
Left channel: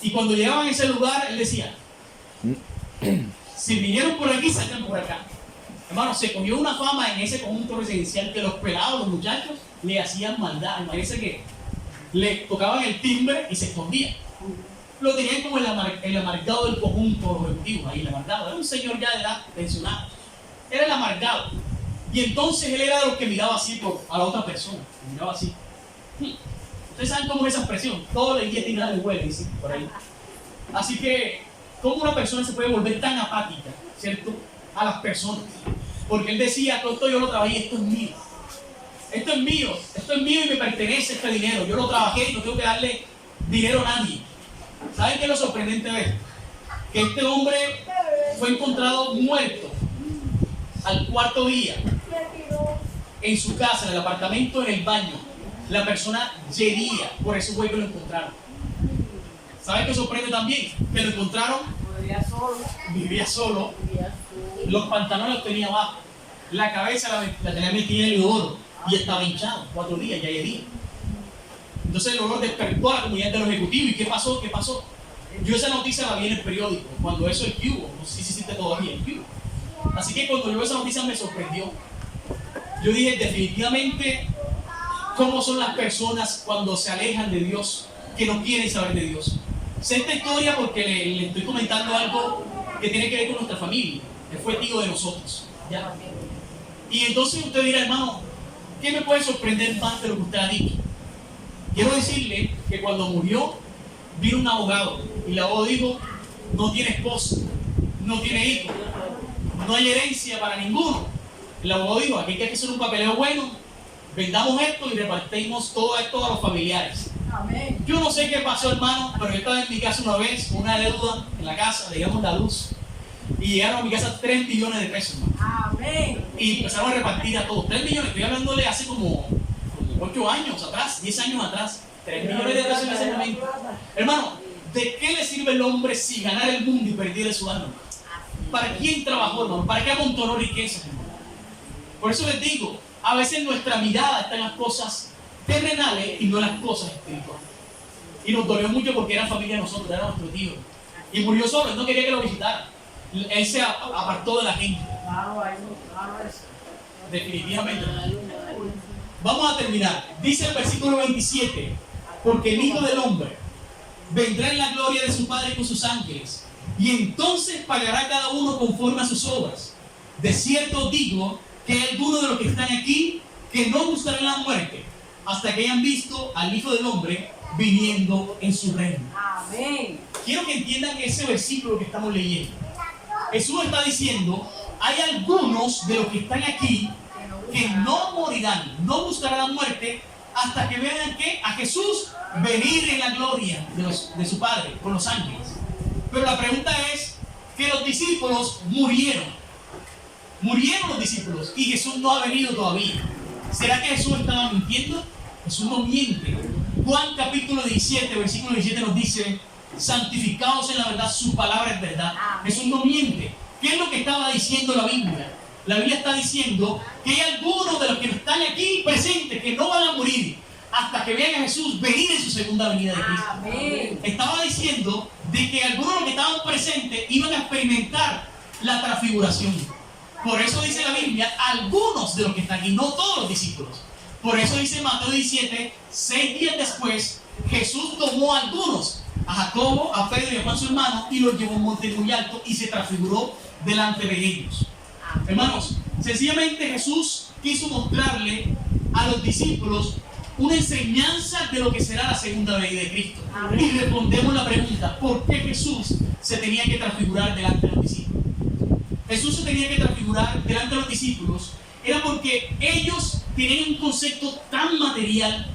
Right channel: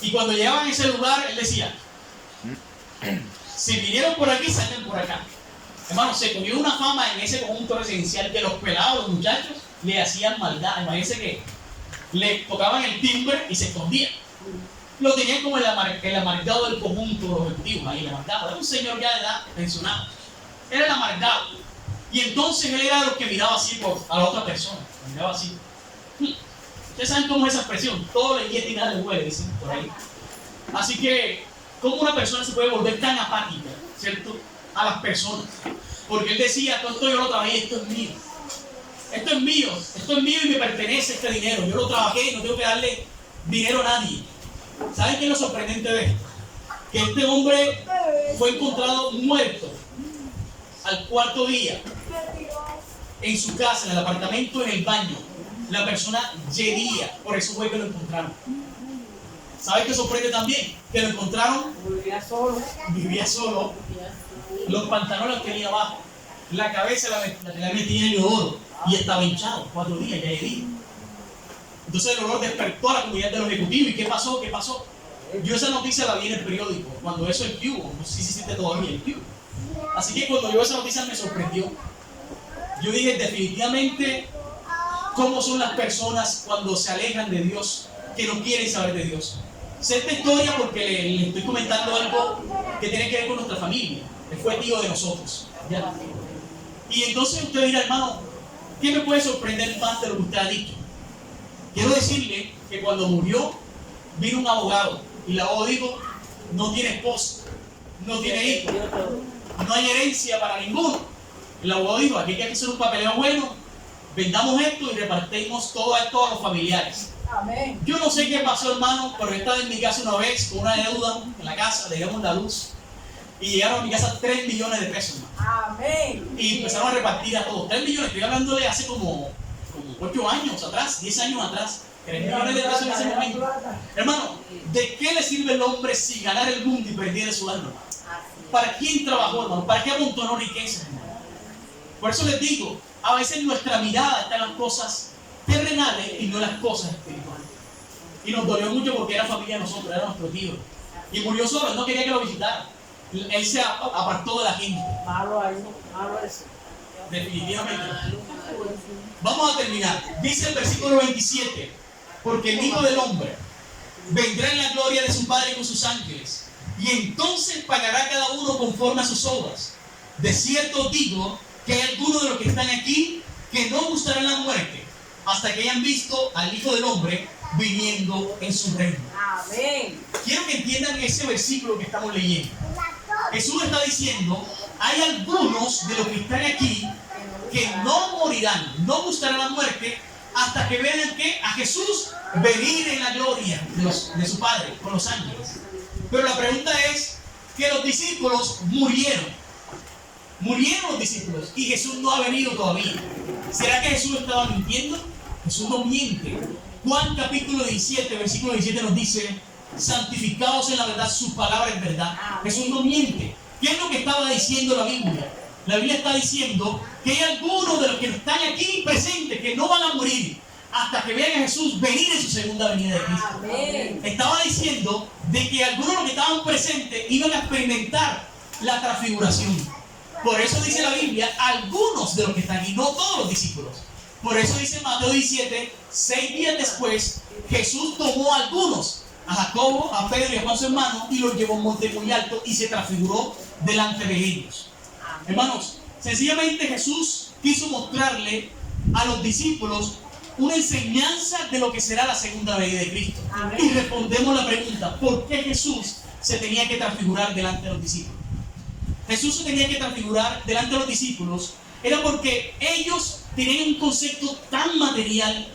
Y cuando llegaban a ese lugar, él decía, si vinieron por aquí, salgan por acá. Hermano, se cogió una fama en ese conjunto residencial que los pelados, los muchachos, le hacían maldad. Imagínense que le tocaban el timbre y se escondían. Lo tenían como el amargado del conjunto, los ejecutivos, ahí el amargado. Era un señor ya de edad, pensionado. Era el amargado. Y entonces él era de los que miraba así a la otra persona. Miraba así. Ustedes saben cómo es esa expresión. Todo le guía y nada le huele, dicen por ahí. Así que, ¿cómo una persona se puede volver tan apática, cierto, a las personas? Porque él decía, todo esto yo lo trabajé, esto es mío. Esto es mío y me pertenece este dinero. Yo lo trabajé y no tengo que darle dinero a nadie. ¿Saben qué es lo sorprendente de esto? que este hombre fue encontrado muerto al cuarto día en su casa, en el apartamento, en el baño. La persona yería, por eso fue que lo encontraron. ¿Sabes qué sorprende también? Que lo encontraron, vivía solo, los pantalones los tenía abajo, la cabeza la tenía metida en el oro y estaba hinchado, 4 días, ya yería. Entonces el olor despertó a la comunidad de los ejecutivos. ¿Y qué pasó? ¿Qué pasó? Yo esa noticia la vi en el periódico, cuando eso el Cubo, no sé si existe todavía el Cubo. Así que cuando yo esa noticia me sorprendió. Yo dije, definitivamente, ¿cómo son las personas cuando se alejan de Dios, que no quieren saber de Dios? Sé esta historia porque le estoy comentando algo que tiene que ver con nuestra familia. Él fue tío de nosotros. ¿Ya? Y entonces usted dirá, hermano, ¿qué me puede sorprender más de lo que usted ha dicho? Quiero decirle que cuando murió, vino un abogado y el abogado dijo, no tiene esposa, no tiene hijo, no hay herencia para ninguno. El abogado dijo, aquí hay que hacer un papeleo bueno, vendamos esto y repartimos todo esto a los familiares. Amén. Yo no sé qué pasó, hermano, pero yo estaba en mi casa una vez con una deuda en la casa, digamos la luz, y llegaron a mi casa 3 millones de pesos, hermano. Amén. Y empezaron a repartir a todos. 3 millones, estoy hablándole hace como 8 años atrás, 10 años atrás. 3 millones de pesos en ese momento. Hermano, ¿de qué le sirve el hombre si ganar el mundo y perder su alma? ¿Para quién trabajó, hermano? ¿Para qué amontonó riquezas, hermano? Por eso les digo, a veces nuestra mirada está en las cosas terrenales y no en las cosas espirituales. Y nos dolió mucho porque era familia de nosotros, era nuestro tío. Y murió solo, él no quería que lo visitara. Él se apartó de la gente. Malo ahí, malo eso. Definitivamente. Vamos a terminar. Dice el versículo 27, porque el Hijo del Hombre vendrá en la gloria de su Padre con sus ángeles, y entonces pagará cada uno conforme a sus obras. De cierto os digo que hay algunos de los que están aquí que no gustarán la muerte hasta que hayan visto al Hijo del Hombre viniendo en su reino. Amén. Quiero que entiendan ese versículo que estamos leyendo. Jesús está diciendo, hay algunos de los que están aquí que no morirán, no gustarán la muerte hasta que vean a Jesús venir en la gloria de su Padre con los ángeles. Pero la pregunta es que los discípulos murieron los discípulos y Jesús no ha venido todavía. ¿Será que Jesús estaba mintiendo? Jesús no miente. Juan capítulo 17, versículo 17 nos dice, santificados en la verdad, su palabra es verdad. Jesús no miente. ¿Qué es lo que estaba diciendo la Biblia? La Biblia está diciendo que hay algunos de los que están aquí presentes que no van a morir hasta que vean a Jesús venir en su segunda venida de Cristo. Amén. Estaba diciendo de que algunos de los que estaban presentes iban a experimentar la transfiguración. Por eso dice la Biblia, algunos de los que están aquí, no todos los discípulos. Por eso dice Mateo 17, 6 días después, Jesús tomó a algunos, a Jacobo, a Pedro y a Juan su hermano, y los llevó a un monte muy alto y se transfiguró delante de ellos. Hermanos, sencillamente Jesús quiso mostrarle a los discípulos una enseñanza de lo que será la segunda venida de Cristo. Amén. Y respondemos la pregunta, ¿por qué Jesús se tenía que transfigurar delante de los discípulos? Jesús se tenía que transfigurar delante de los discípulos, era porque ellos tenían un concepto tan material.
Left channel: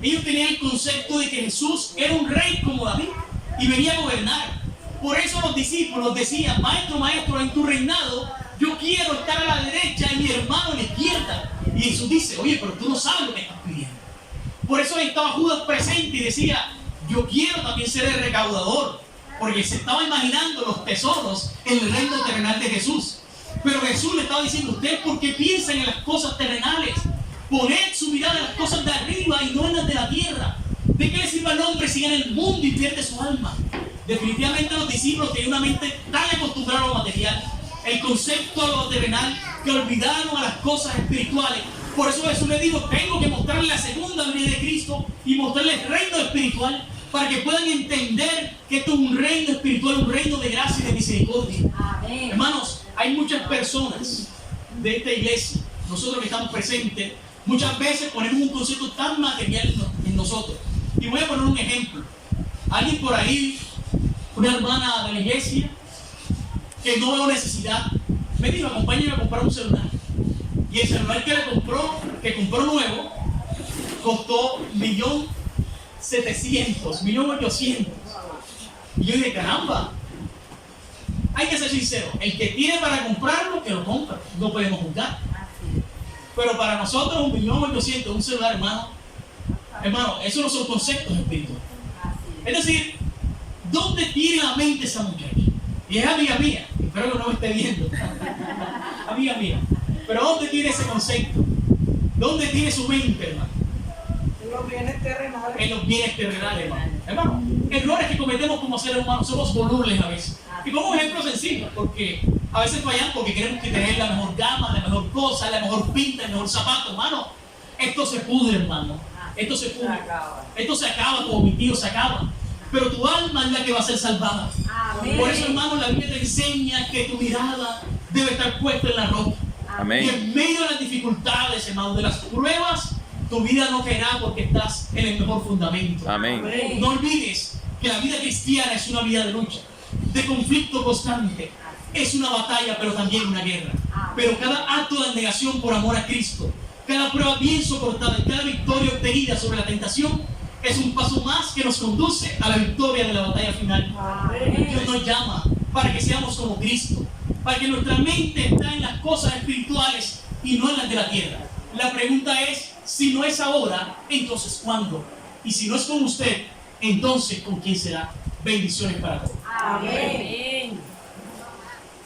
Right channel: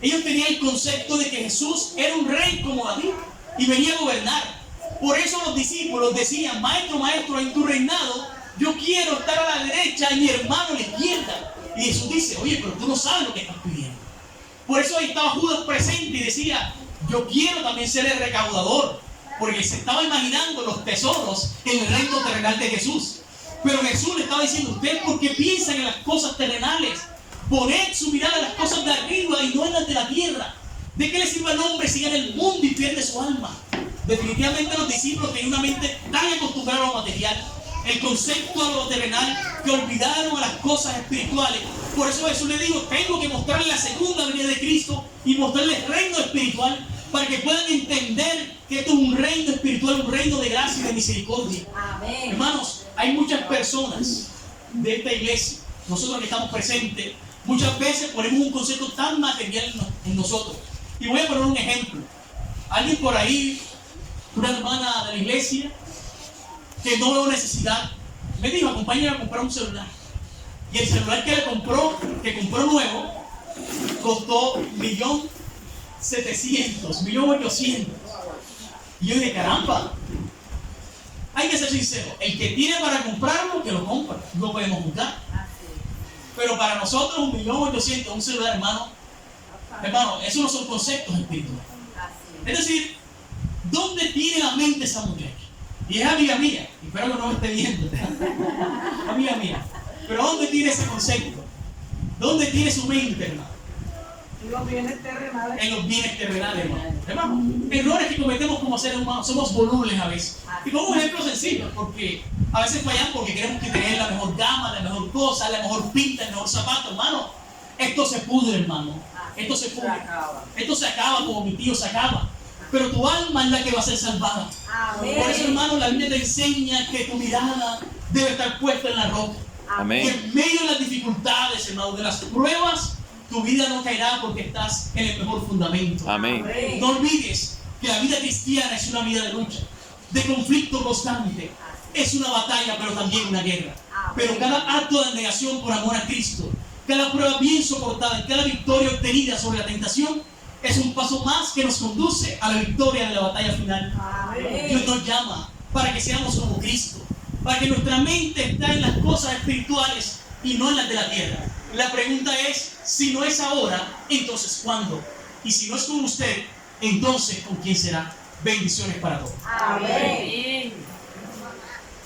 Ellos tenían el concepto de que Jesús era un rey como David y venía a gobernar. Por eso los discípulos decían, maestro, maestro, en tu reinado yo quiero estar a la derecha y mi hermano a la izquierda. Y Jesús dice, oye, pero tú no sabes lo que estás pidiendo. Por eso ahí estaba Judas presente y decía, yo quiero también ser el recaudador, porque se estaba imaginando los tesoros en el reino terrenal de Jesús. Pero Jesús le estaba diciendo, ustedes por qué piensan en las cosas terrenales, poned su mirada en las cosas de arriba y no en las de la tierra. ¿De qué le sirve al hombre si gana el mundo y pierde su alma? Definitivamente los discípulos tenían una mente tan acostumbrada a lo material, el concepto de lo terrenal, que olvidaron a las cosas espirituales. Por eso Jesús le dijo, tengo que mostrarles la segunda venida de Cristo y mostrarles el reino espiritual para que puedan entender que esto es un reino espiritual, un reino de gracia y de misericordia. Amén. Hermanos, hay muchas personas de esta iglesia, nosotros que estamos presentes, muchas veces ponemos un concepto tan material en nosotros. Y voy a poner un ejemplo. Alguien por ahí, una hermana de la iglesia, que no veo necesidad, me dijo, acompáñame a comprar un celular. Y el celular que compró nuevo, costó 1.700.000, 1.800.000. Y yo dije, caramba, hay que ser sincero. El que tiene para comprarlo, que lo compre. No podemos juzgar. Así. Pero para nosotros, 1.800.000, un celular, hermano, esos no son conceptos espirituales. Así. Es decir, ¿dónde tiene la mente esa muchacha? Y es amiga mía. Espero que no me esté viendo. Amiga mía. Pero ¿dónde tiene ese concepto? ¿Dónde tiene su mente, hermano? En los bienes terrenales. En los bienes terrenales, hermano. Errores que cometemos como seres humanos, somos volubles a veces. Y como un ejemplo sencillo, porque a veces fallamos porque queremos que tener la mejor gama, la mejor cosa, la mejor pinta, el mejor zapato, hermano. Esto se pudre, hermano. Esto se pudre. Esto se acaba, como mi tío se acaba. Pero tu alma es la que va a ser salvada. Amén. Por eso, hermano, la Biblia te enseña que tu mirada debe estar puesta en la roca. Y Amén. en medio de las dificultades, hermano, de las pruebas, tu vida no caerá porque estás en el mejor fundamento. Amén. No olvides que la vida cristiana es una vida de lucha, de conflicto constante. Es una batalla, pero también una guerra. Pero cada acto de negación por amor a Cristo, cada prueba bien soportada y cada victoria obtenida sobre la tentación es un paso más que nos conduce a la victoria de la batalla final. Dios nos llama para que seamos como Cristo, para que nuestra mente está en las cosas espirituales y no en las de la tierra. La pregunta es, si no es ahora, entonces ¿cuándo? Y si no es con usted, entonces ¿con quién será? Bendiciones para todos. Amén.